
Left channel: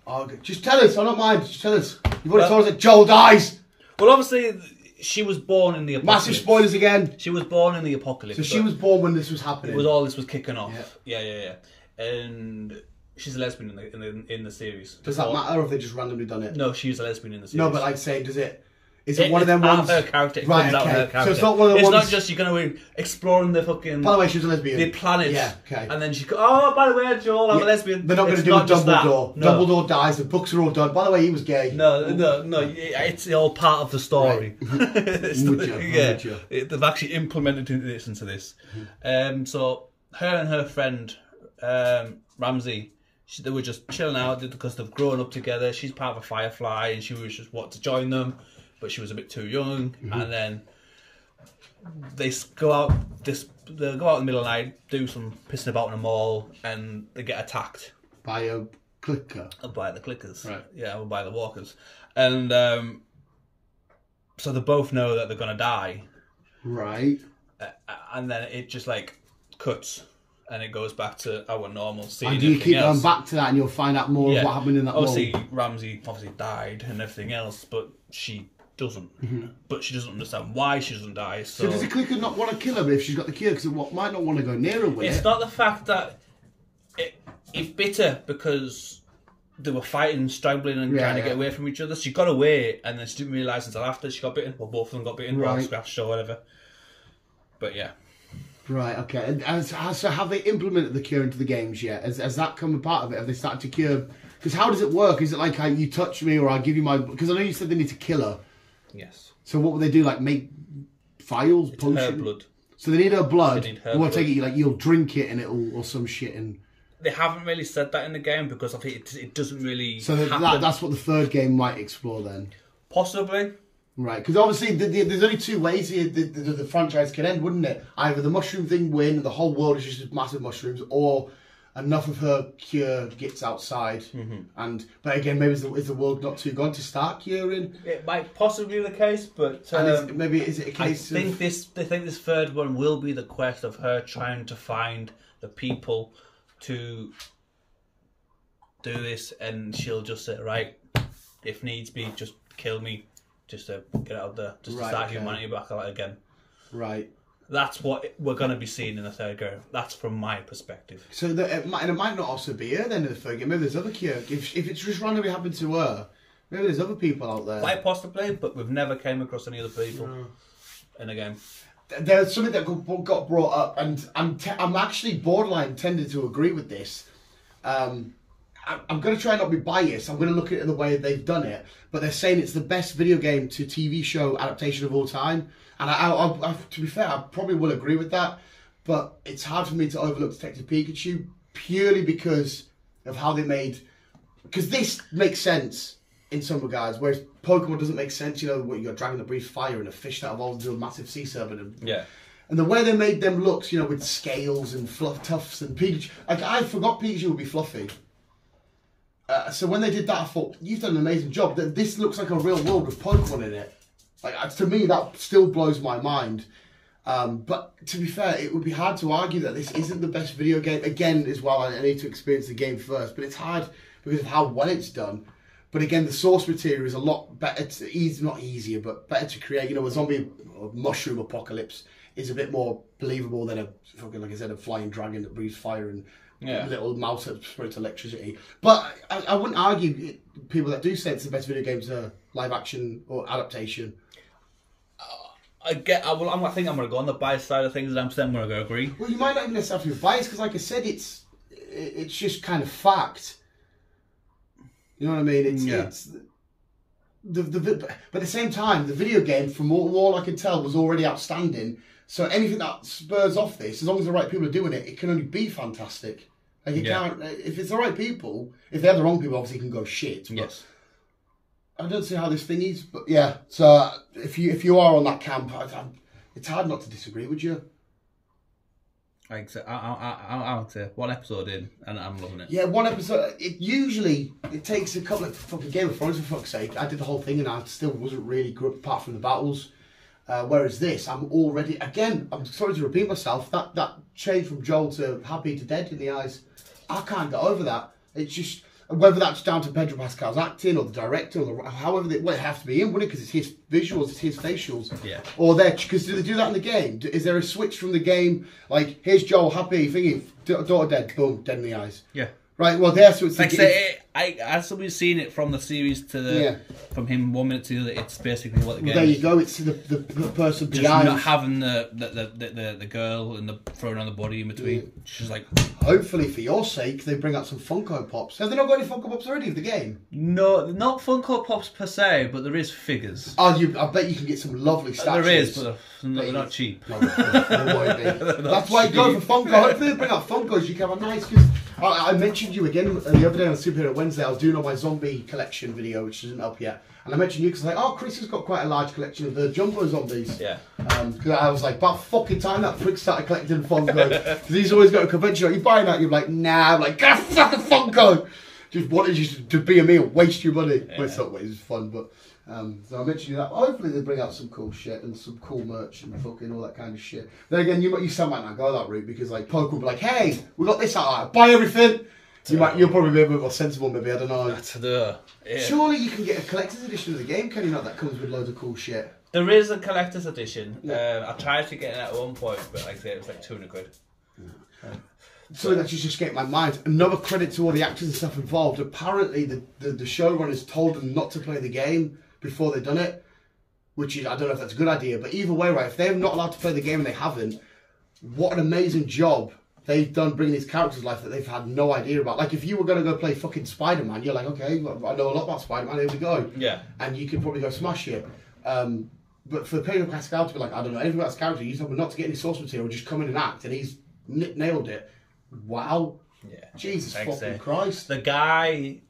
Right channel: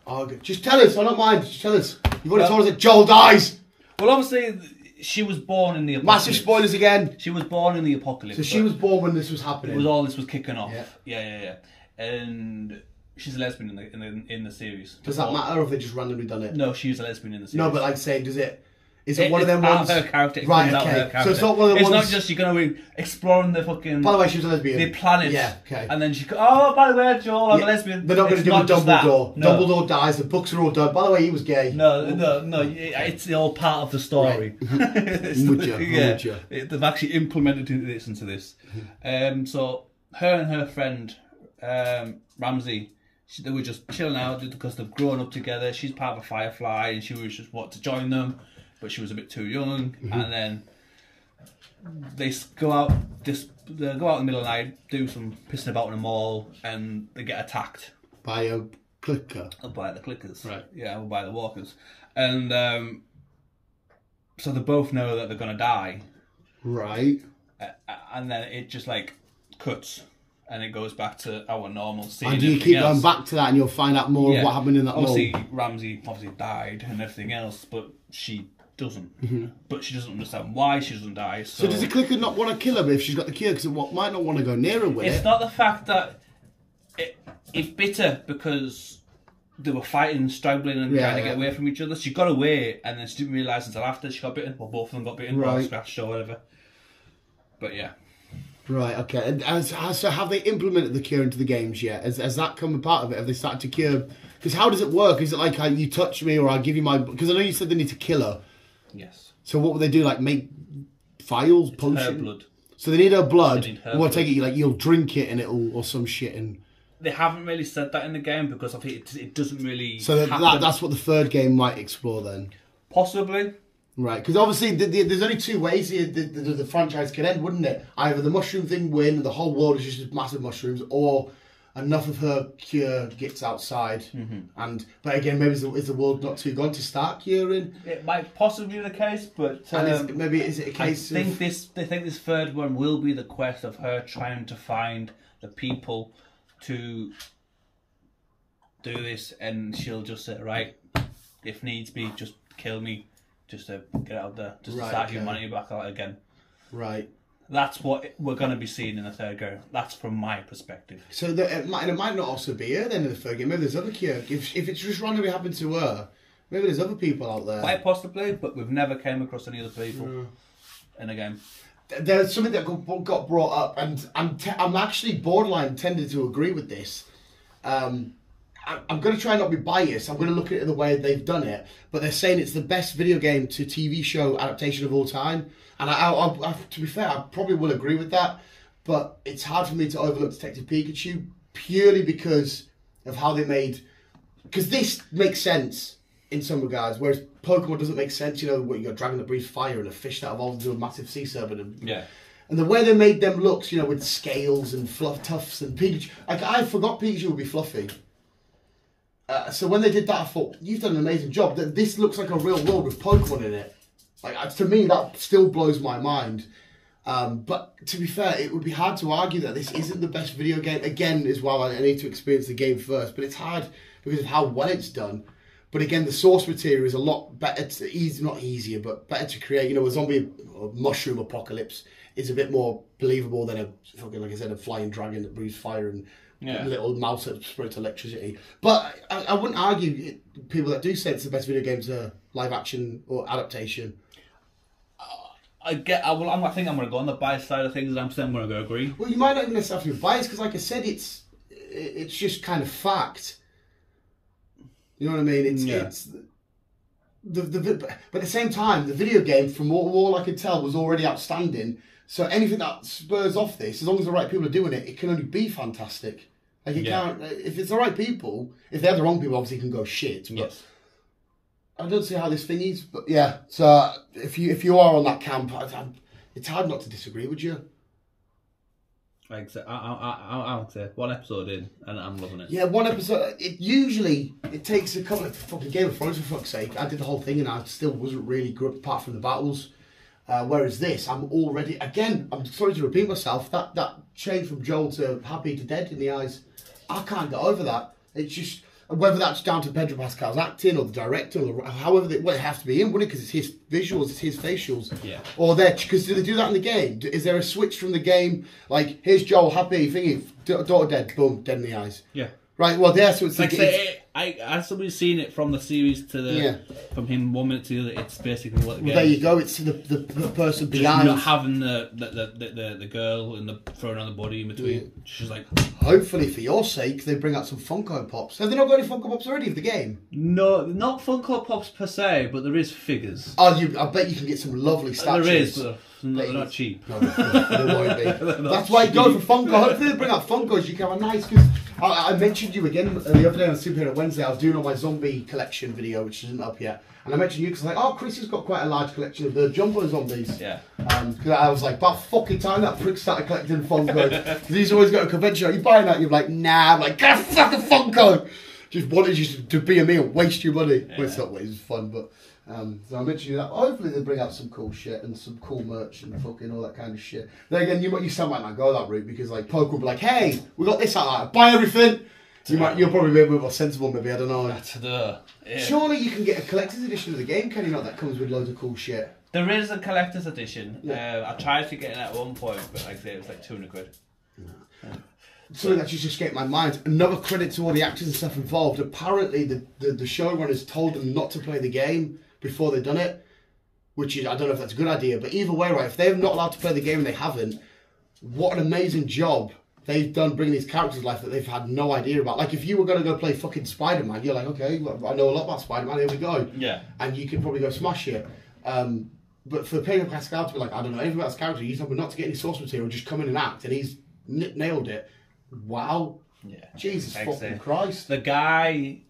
Oh, good. Just tell us, I don't mind. Just tell us. You've already told us that Joel dies. Well, obviously, she was born in the apocalypse. Massive spoilers again. She was born in the apocalypse. So she was born when this was happening. All this was kicking off. Yeah. Yeah. And she's a lesbian in the series. Does that matter, or have they just randomly done it? No, she's a lesbian in the series. No, but like say, is it one of them ones? ones? Her character. Right, okay. So it's not one of the ones. It's not just you're going to exploring the fucking. By the way, she was a lesbian. The planet. Yeah, okay. And then she goes, oh, by the way, Joel, I'm a lesbian. They're not going to do Dumbledore. No. Dumbledore dies. The books are all done. By the way, he was gay. No. It's all part of the story. Right. They've actually implemented this into this. So her and her friend Ramsey. They were just chilling out because they've grown up together. She's part of a Firefly, and she was just wanting to join them, but she was a bit too young. And then they go out. They go out in the middle of the night, do some pissing about in a mall, and they get attacked by a clicker. By the clickers, right? Yeah, or by the walkers, and so they both know that they're gonna die, right? And then it just like cuts. And it goes back to our normal scene. And do you keep going back to that and you'll find out more of what happened in that obviously, Ramsey died and everything else, but she doesn't. But she doesn't understand why she doesn't die. So does the clicker not want to kill her if she's got the cure? Because it might not want to go near her with it. It's not the fact that it bit her because they were fighting, struggling and trying to get away from each other. She got away and then she didn't realise until after she got bitten. Well, both of them got bitten, or scratched or whatever. But yeah. Right, okay. And so have they implemented the cure into the games yet? Has that come a part of it? Have they started to cure? Because how does it work? Is it like you touch me or I give you my... Because I know you said they need to kill her. Yes. So what would they do? Like make vials, potion? Her blood. So they need her blood. They need her blood. Take it, like you'll drink it and it'll... Or some shit and... They haven't really said that in the game because I think it doesn't really So that's what the third game might explore then? Possibly. Right, because obviously there's only two ways here the franchise could end, wouldn't it? Either the mushroom thing win and the whole world is just massive mushrooms, or enough of her cure gets outside. But again, maybe is the world not too gone to start curing? It might possibly be the case, but maybe is it a case? They think this third one will be the quest of her trying to find the people to do this, and she'll just say, right, if needs be, just kill me. Just to get out there, just to start humanity back out again. Right. That's what we're going to be seeing in the third game. That's from my perspective. So it might not also be her then in the third game. Maybe there's other cure. If it's just randomly happened to her, Maybe there's other people out there. Quite possibly, but we've never came across any other people in a game. There's something that got brought up, and I'm actually borderline tending to agree with this. I'm going to try not to be biased. I'm going to look at it the way they've done it, but they're saying it's the best video game to TV show adaptation of all time. And I to be fair, I probably will agree with that, but it's hard for me to overlook Detective Pikachu purely because of how they made. Because this makes sense in some regards, whereas Pokemon doesn't make sense. You know, what, you got a dragon that breathes fire and a fish that evolves into a massive sea serpent. And the way they made them look, you know, with scales and fluff tufts and Pikachu. Like, I forgot Pikachu would be fluffy. So when they did that, I thought, you've done an amazing job. This looks like a real world with Pokemon in it. Like, to me, that still blows my mind. But to be fair, it would be hard to argue that this isn't the best video game. Again, as well, I need to experience the game first. But it's hard because of how well it's done. But again, the source material is a lot better. Not easier, but better to create. You know, a zombie or mushroom apocalypse is a bit more believable than a fucking, like I said, a flying dragon that breathes fire and little mouse that spurts electricity. But I wouldn't argue people that do say it's the best video game to live action or adaptation. I think I'm going to go on the bias side of things, and I'm going to go agree. Well, you might not even necessarily be biased because, like I said, it's just kind of fact. You know what I mean? But at the same time, the video game, from all I could tell, was already outstanding. So anything that spurs off this, as long as the right people are doing it, it can only be fantastic. Like it can't, if it's the right people, if they're the wrong people, obviously it can go shit. But yes. I don't see how this thing is, but yeah. So if you are on that camp, it's hard not to disagree, would you? Like so, I would say one episode in, and I'm loving it. Yeah, one episode. It takes a couple of fucking Game of Thrones for fuck's sake. I did the whole thing, and I still wasn't really good apart from the battles. Whereas this, I'm already I'm sorry to repeat myself. That change from Joel to happy to dead in the eyes, I can't get over that. It's just. Whether that's down to Pedro Pascal's acting or the director, or however it has to be in, wouldn't it? Because it's his visuals, it's his facials. Yeah. Or because do they do that in the game? Is there a switch from the game? Like, here's Joel, happy, thingy, daughter dead, boom, dead in the eyes. Yeah. Right, well, there, so it's... Like, as somebody's seen it from the series to the... From him 1 minute to the other, it's basically what the game there you go, it's the person behind... Just not having the girl and the throwing on the body in between. Yeah. She's like... Hopefully, for your sake, they bring out some Funko Pops. Have they not got any Funko Pops already for the game? No, not Funko Pops per se, but there is figures. Oh, I bet you can get some lovely statues. There is, but they're not cheap. No, that's why you go for Funko. Hopefully they bring out Funkos. You can have a nice... I mentioned you again the other day on Superhero Wednesday. I was doing all my zombie collection video, which isn't up yet. And I mentioned you because I was like, oh, Chris has got quite a large collection of the Jumbo zombies. Yeah. Because I was like, about fucking time that prick started collecting Funko. Because he's always got a convention. Are you buying that? You're like, nah. I'm like, God, fucking Funko. Just wanted you to be a me and waste your money. Yeah. Well, it's not waste, it's fun, but... so I mentioned that. Hopefully they bring out some cool shit and some cool merch and fucking all that kind of shit. Then again, you still might not go that route because like Poke will be like, hey, we got this out, buy everything. You'll probably be a bit more sensible, maybe. I don't know. Surely you can get a collector's edition of the game, can you not? That comes with loads of cool shit. There is a collector's edition. I tried to get it at one point, but like I said, it was like 200 quid. Something that just escaped my mind. Another credit to all the actors and stuff involved. Apparently, the showrunners told them not to play the game before they've done it, which is, I don't know if that's a good idea, but either way, right, if they're not allowed to play the game and they haven't, what an amazing job they've done bringing these characters to life that they've had no idea about. Like, if you were going to go play fucking Spider-Man, you're like, okay, I know a lot about Spider-Man, here we go. Yeah. And you could probably go smash it. But for Pedro Pascal to be like, I don't know anything about his character, he's not to get any source material, just come in and act, and he's nailed it. Wow. Yeah. Jesus fucking Christ. The guy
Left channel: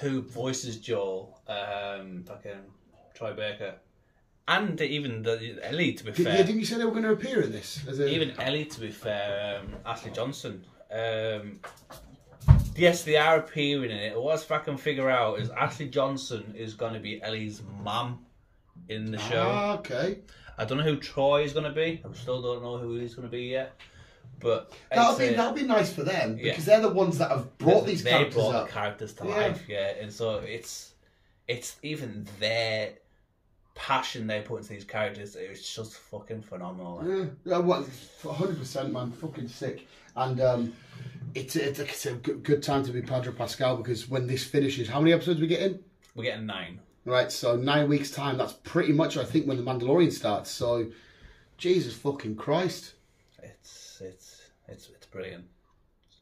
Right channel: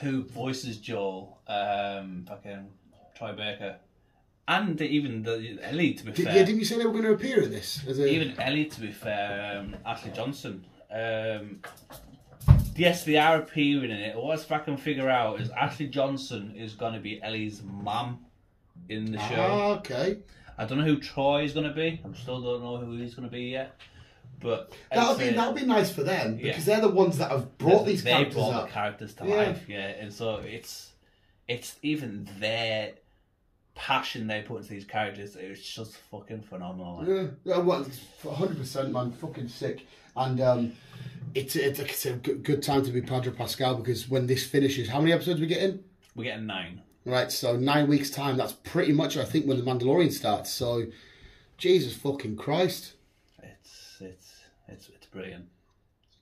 who voices Joel, fucking Troy Baker, and even Ellie, to be fair. Yeah, didn't you say they were going to appear in this? Even Ellie, to be fair, Ashley Johnson. Yes, they are appearing in it. What I can figure out is Ashley Johnson is going to be Ellie's mum in the show. Ah, okay. I don't know who Troy is going to be. I still don't know who he's going to be yet. But that'll be nice for them because they're the ones that have brought these characters up. They brought the characters to life, and so it's even their passion they put into these characters. It's just fucking phenomenal. Like. Yeah, well, 100%, man, fucking sick. And it's a good time to be Pedro Pascal because when this finishes, how many episodes are we getting? We're getting 9. Right, so 9 weeks' time. That's pretty much, I think, when the Mandalorian starts. So, Jesus fucking Christ. It's brilliant.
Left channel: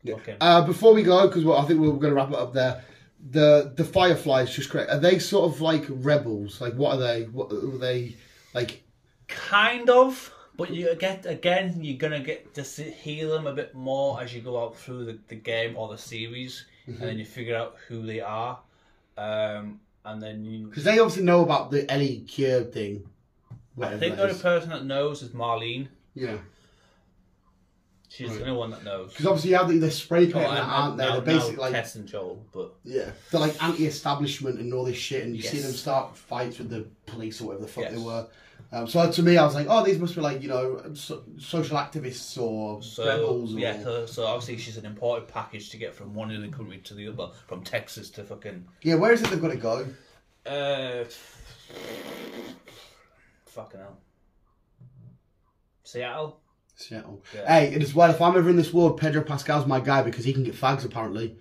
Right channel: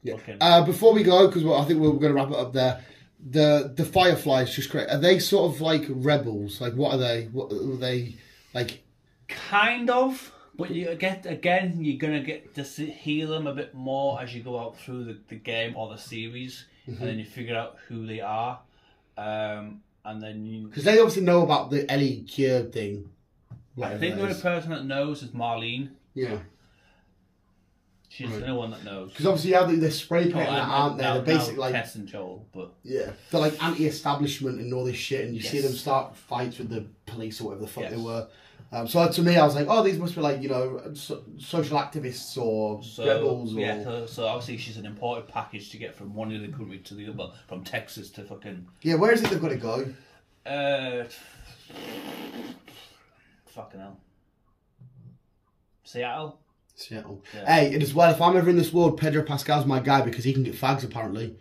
Yeah. Okay. Before we go, because I think we're going to wrap it up there. The Fireflies, just correct. Are they sort of like rebels? Like, what are they? What are they like? Kind of, but you're gonna get to hear them a bit more as you go out through the game or the series, and then you figure out who they are, and then you. Because they obviously know about the Ellie Cure thing. I think the only person that knows is Marlene. Yeah. She's the only one that knows. Because obviously you have the spray paint, aren't they? They're basically like Tess and Joel, but yeah, they're like anti-establishment and all this shit, and you see them start fights with the police or whatever the fuck they were. So to me, I was like, oh, these must be like social activists or rebels. Or... Yeah, so obviously she's an imported package to get from one of the country to the other, from Texas to fucking. Yeah, where is it they've got to go? Fucking hell. Seattle. Yeah. Hey, and as well, if I'm ever in this world, Pedro Pascal's my guy because he can get fags apparently.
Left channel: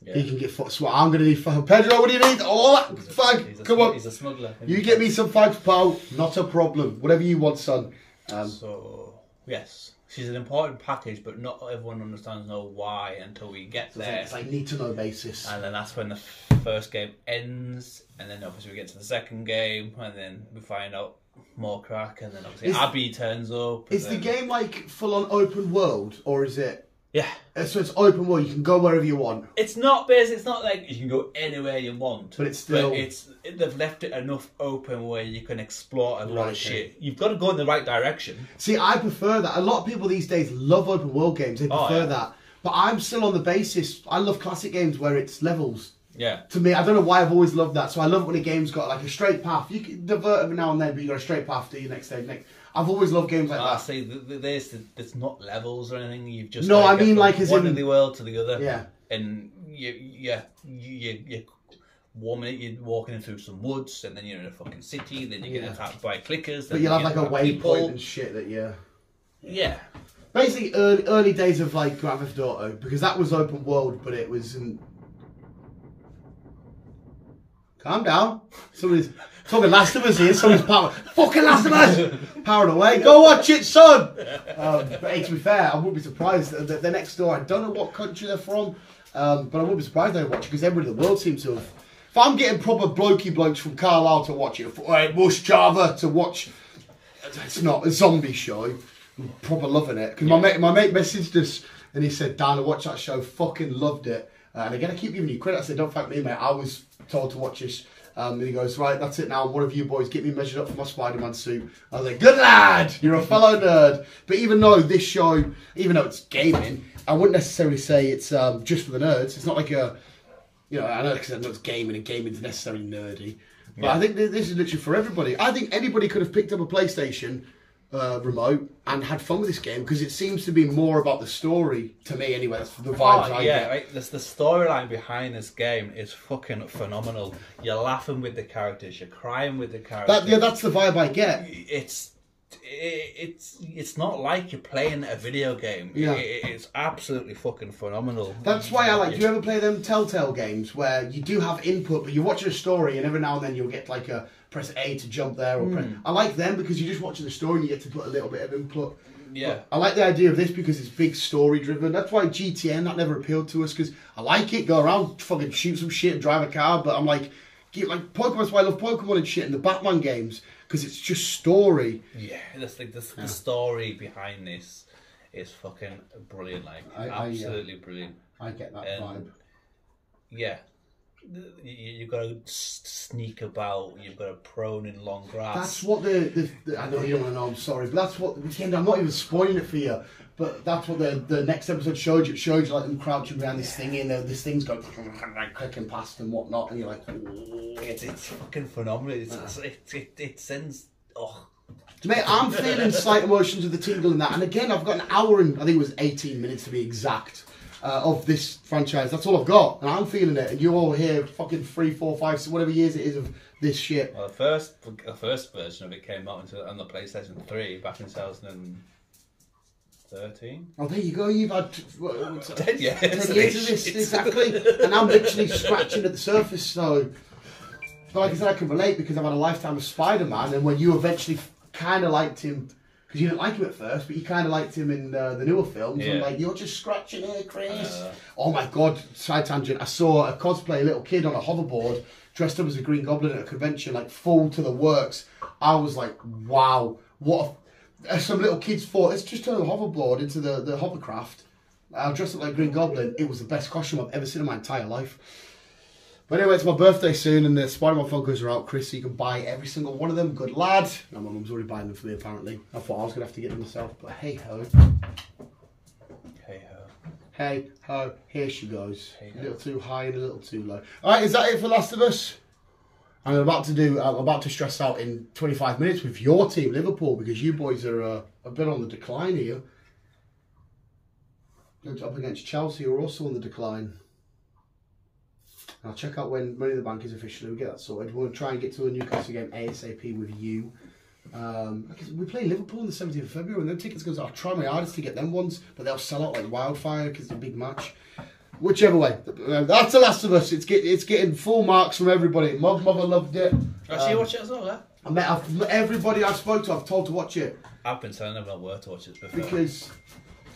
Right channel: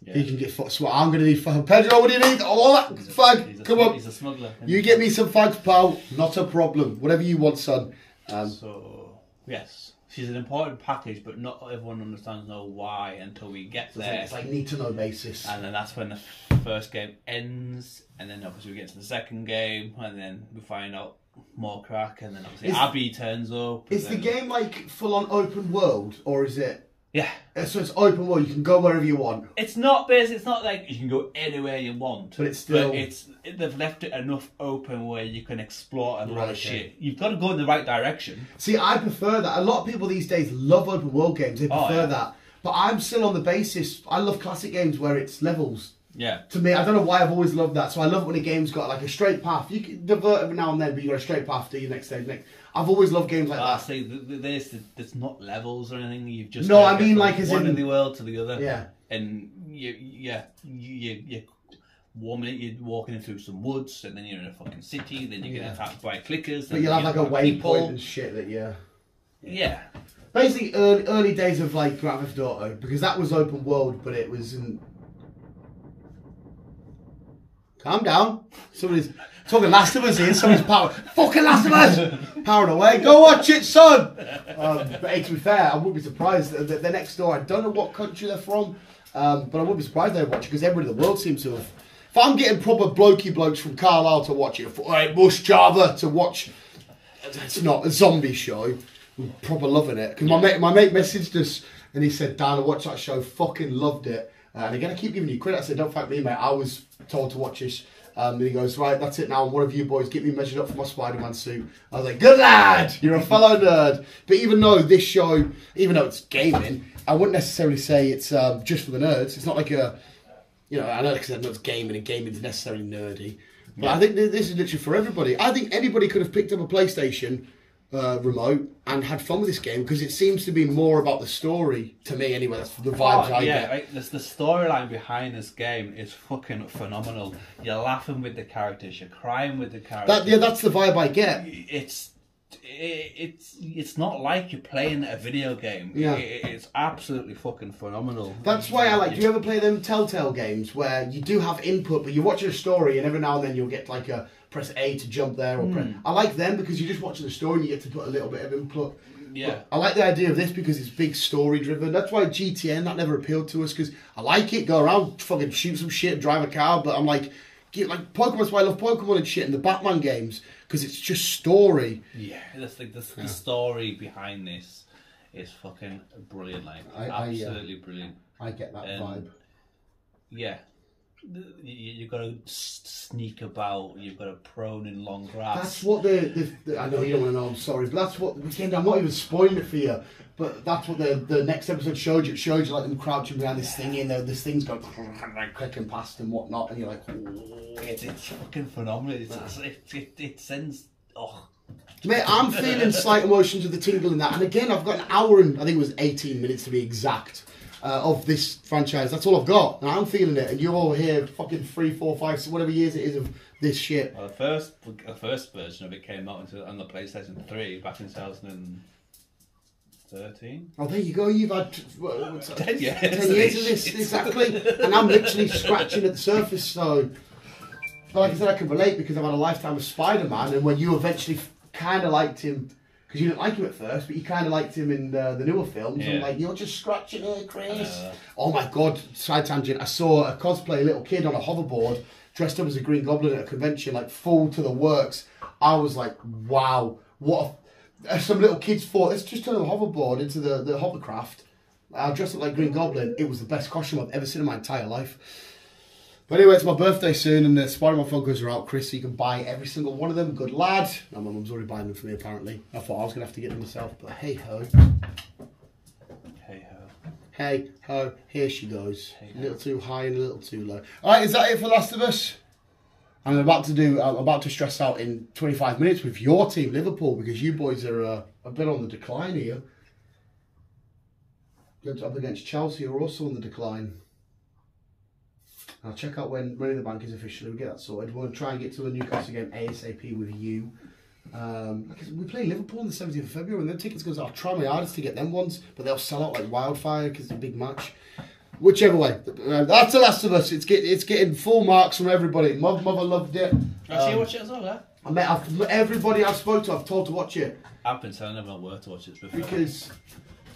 Yeah. He can get fucked. So I'm going to need Pedro, what do you need? All that fag. Come on. He's a smuggler. You get me some fags, pal. Not a problem. Whatever you want, son. So, yes. She's an important package, but not everyone understands why until we get there. It's like need to know basis. And then that's when the first game ends. And then obviously we get to the second game. And then we find out more crack. And then obviously Abby turns up. Is the game like full on open world? Or is it... Yeah. So it's open world, you can go wherever you want. It's not basic, it's not like you can go anywhere you want. But it's still... But they've left it enough open where you can explore a lot of shit. You've got to go in the right direction. See, I prefer that. A lot of people these days love open world games, they prefer that. But I'm still on the basis, I love classic games where it's levels. Yeah. To me, I don't know why I've always loved that. So I love it when a game's got like a straight path. You can divert every now and then, but you got a straight path to your next stage. I've always loved games like that. See, there's not levels or anything. You've just no, I mean like as one in of the world to the other. Yeah. And you're warming it. You're walking in through some woods, and then you're in a fucking city. Then you get attacked by clickers. But you'll have like a waypoint and shit that you. Yeah. Basically, early days of like Grand Theft Auto, because that was open world, but it wasn't. Calm down. Somebody's talking Last of Us here. Somebody's fucking Last of Us powering away. Go watch it, son. But hey, to be fair, I wouldn't be surprised. They're next door. I don't know what country they're from, but I wouldn't be surprised they watch it because everybody in the world seems to have. If I'm getting proper blokey blokes from Carlisle to watch it, or Bush Java to watch, it's not a zombie show. I'm proper loving it. Because my mate messaged us and he said, Dan, I watched that show, fucking loved it. And again, I keep giving you credit. I said, don't thank me, mate. I was told to watch this. And he goes, right, that's it now. One of you boys, get me measured up for my Spider-Man suit. I was like, good lad, you're a fellow nerd. But even though this show, even though it's gaming, I wouldn't necessarily say it's just for the nerds. It's not like a, I know because I know it's gaming and gaming's necessarily nerdy. But I think this is literally for everybody. I think anybody could have picked up a PlayStation remote and had fun with this game because it seems to be more about the story to me anyway. That's the vibes I get. Right. The storyline behind this game is fucking phenomenal. You're laughing with the characters, you're crying with the characters. That's the vibe I get. It's not like you're playing a video game. Yeah. It's absolutely fucking phenomenal. That's why I like. Do you ever play them Telltale games where you do have input, but you're watching a story, and every now and then you'll get like a press A to jump there, or I like them because you're just watching the story and you get to put a little bit of input. Yeah. But I like the idea of this because it's big story driven. That's why GTN that never appealed to us because I like it, go around, fucking shoot some shit, drive a car, but I'm like Pokemon. That's why I love Pokemon and shit and the Batman games because it's just story. Yeah, the story behind this is fucking brilliant. Like absolutely brilliant. I get that vibe. Yeah. You've got to sneak about. You've got to prone in long grass. That's what the I know you don't want to know. I'm sorry, but that's what again. I'm not even spoiling it for you, but that's what the next episode showed you. It showed you like them crouching behind this thing, and this thing's going like clicking past and whatnot, and you're like, it's fucking phenomenal. It sends. Oh. Mate, I'm feeling slight emotions of the tingle in that, and again, I've got an hour and I think it was 18 minutes to be exact. Of this franchise, that's all I've got, and I'm feeling it. And you're all here, fucking 3, 4, 5, so whatever years it is of this shit. Well, the first version of it came out on the PlayStation 3 back in 2013. Oh, there you go. You've had 10 years. 10 years of this exactly, and I'm literally scratching at the surface. So like I said, I can relate because I've had a lifetime of Spider-Man, and when you eventually kind of liked him, because you didn't like him at first, but you kind of liked him in the newer films, and like, you're just scratching here, Chris. Oh my God, side tangent, I saw a cosplay little kid on a hoverboard, dressed up as a Green Goblin at a convention, like full to the works. I was like, wow, what some little kids thought, let's just turn the hoverboard into the hovercraft. I dressed up like Green Goblin. It was the best costume I've ever seen in my entire life. But anyway, it's my birthday soon, and the Spider-Man Funkos are out, Chris, so you can buy every single one of them. Good lad. Now, my mum's already buying them for me, apparently. I thought I was going to have to get them myself, but hey-ho. Hey-ho. Hey-ho. Here she goes. Hey-ho. A little too high and a little too low. All right, is that it for Last of Us? I'm about to stress out in 25 minutes with your team, Liverpool, because you boys are a bit on the decline here. Good up against Chelsea, who are also on the decline. I'll check out when Money in the Bank is officially. We'll get that sorted. We'll try and get to the Newcastle game ASAP with you. We play Liverpool on the 17th of February, and them tickets goes. I'll try my hardest to get them ones, but they'll sell out like wildfire because it's a big match. Whichever way, that's The Last of Us. It's getting full marks from everybody. Mother loved it. Actually, you watch it as well, eh? I met everybody I've spoke to. I've told to watch it. I've been telling everyone where to watch it before. Because.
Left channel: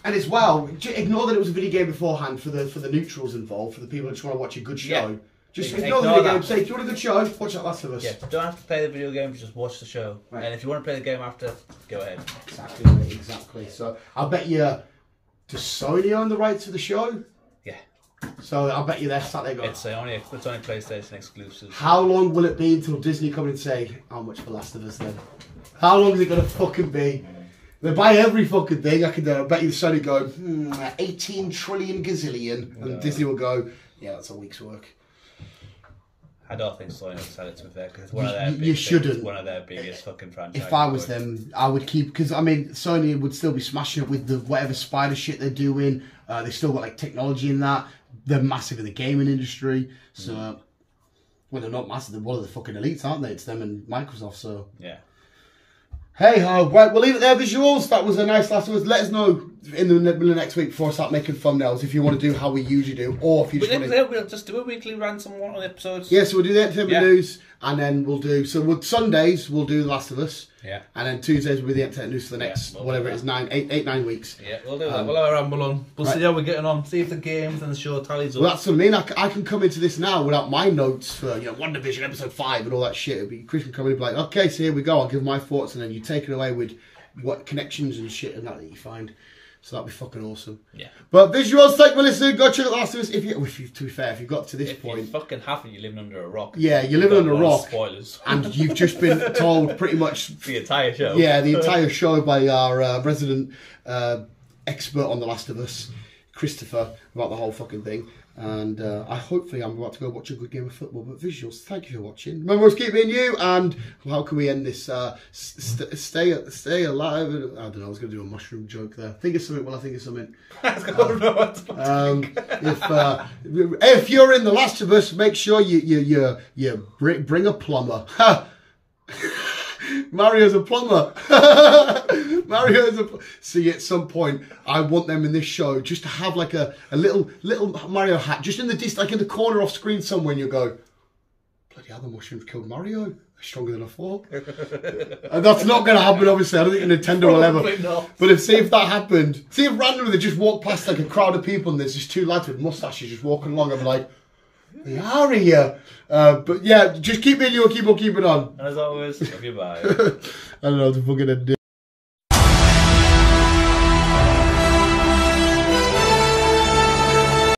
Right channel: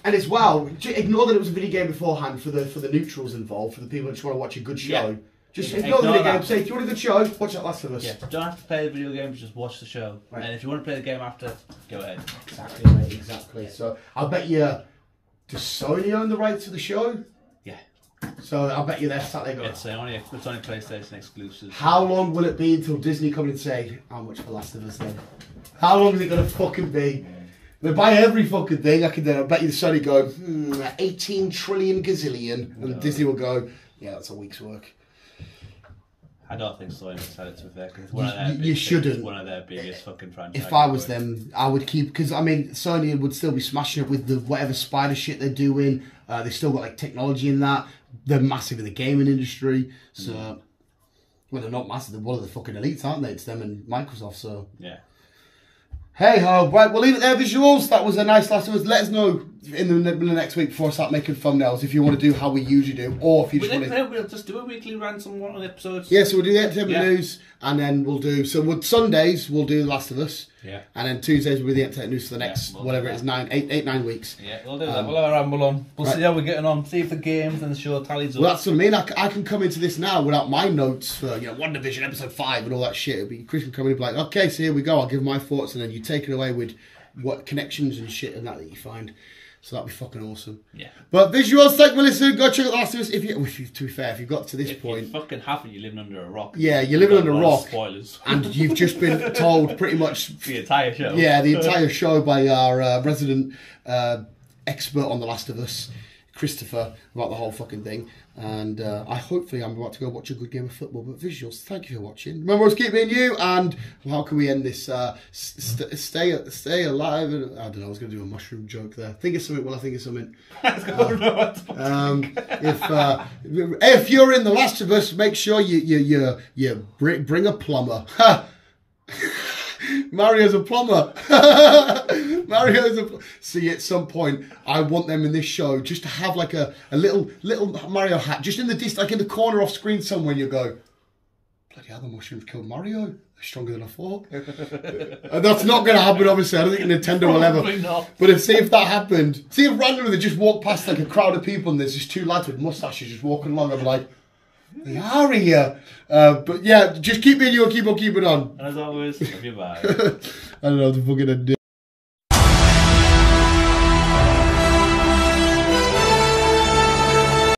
And as well, ignore that it was a video game beforehand for the neutrals involved, for the people that just want to watch a good show. Just ignore the video game, say, if you want a good show, watch that Last of Us. Yeah, don't have to play the video game, just watch the show. Right. And if you want to play the game after, go ahead. Exactly, mate, exactly. So, I'll bet you, does Sony own the rights to the show? Yeah. So, I'll bet you they're sat there going... It's only PlayStation exclusive. How long will it be until Disney come and say, how much for Last of Us then? How long is it going to fucking be? They buy every fucking thing. I bet you the Sony go, 18 trillion gazillion. And Disney will go, yeah, that's a week's work. I don't think Sony would sell it, to be fair, because it's one of their one of their biggest fucking franchises. If I was them, I would keep, because I mean, Sony would still be smashing it with the whatever spider shit they're doing. They've still got like technology in that. They're massive in the gaming industry. So, well, they're not massive. They're one of the fucking elites, aren't they? It's them and Microsoft. So yeah. Hey ho, right, we'll leave it there, visuals. That was a nice Last of Us. Let us know in the next week before I start making thumbnails if you want to do how we usually do, or if you just want to... We'll just do a weekly rant on one of the episodes. Yeah, so we'll do the entertainment news, and then we'll do... So Sundays, we'll do The Last of Us. Yeah. And then Tuesdays will be the entertainment news for the next, whatever it is, 9 weeks. Yeah, we'll do that. We'll have a ramble on. We'll see how we're getting on, see if the games and the show tallies up. Well, that's what I mean. I can come into this now without my notes for, One Division, episode 5 and all that shit. It'll be Chris can come in and be like, okay, so here we go. I'll give my thoughts, and then you take it away with what connections and shit and that you find. So that'd be fucking awesome. Yeah. But visuals, thank you for listening. Go check out The Last of Us. To be fair, if you've got to this point... If you fucking haven't, you're living under a rock. Yeah, you're living under a rock. Spoilers. And you've just been told pretty much... the entire show. Yeah, the entire show by our resident expert on The Last of Us, Christopher, about the whole fucking thing. And hopefully I'm about to go watch a good game of football. But visuals, thank you for watching. Remember, it's keep being you. And how can we end this? Stay alive. I don't know. I was going to do a mushroom joke there. Think of something. Well, I think of something. If you're in The Last of Us, make sure you bring a plumber. Mario's a plumber. See, at some point, I want them in this show just to have like a little Mario hat, just in the like in the corner off screen somewhere, and you go, bloody hell, the mushrooms killed Mario. They're stronger than I thought. And that's not going to happen, obviously. I don't think Nintendo will ever. Not. But see if that happened. See if randomly they just walk past like a crowd of people and there's just two lads with mustaches just walking along. I'm like, they are here. But yeah, just keep being you and keep on keeping on. And as always, love you, bye. I don't know what to fucking do.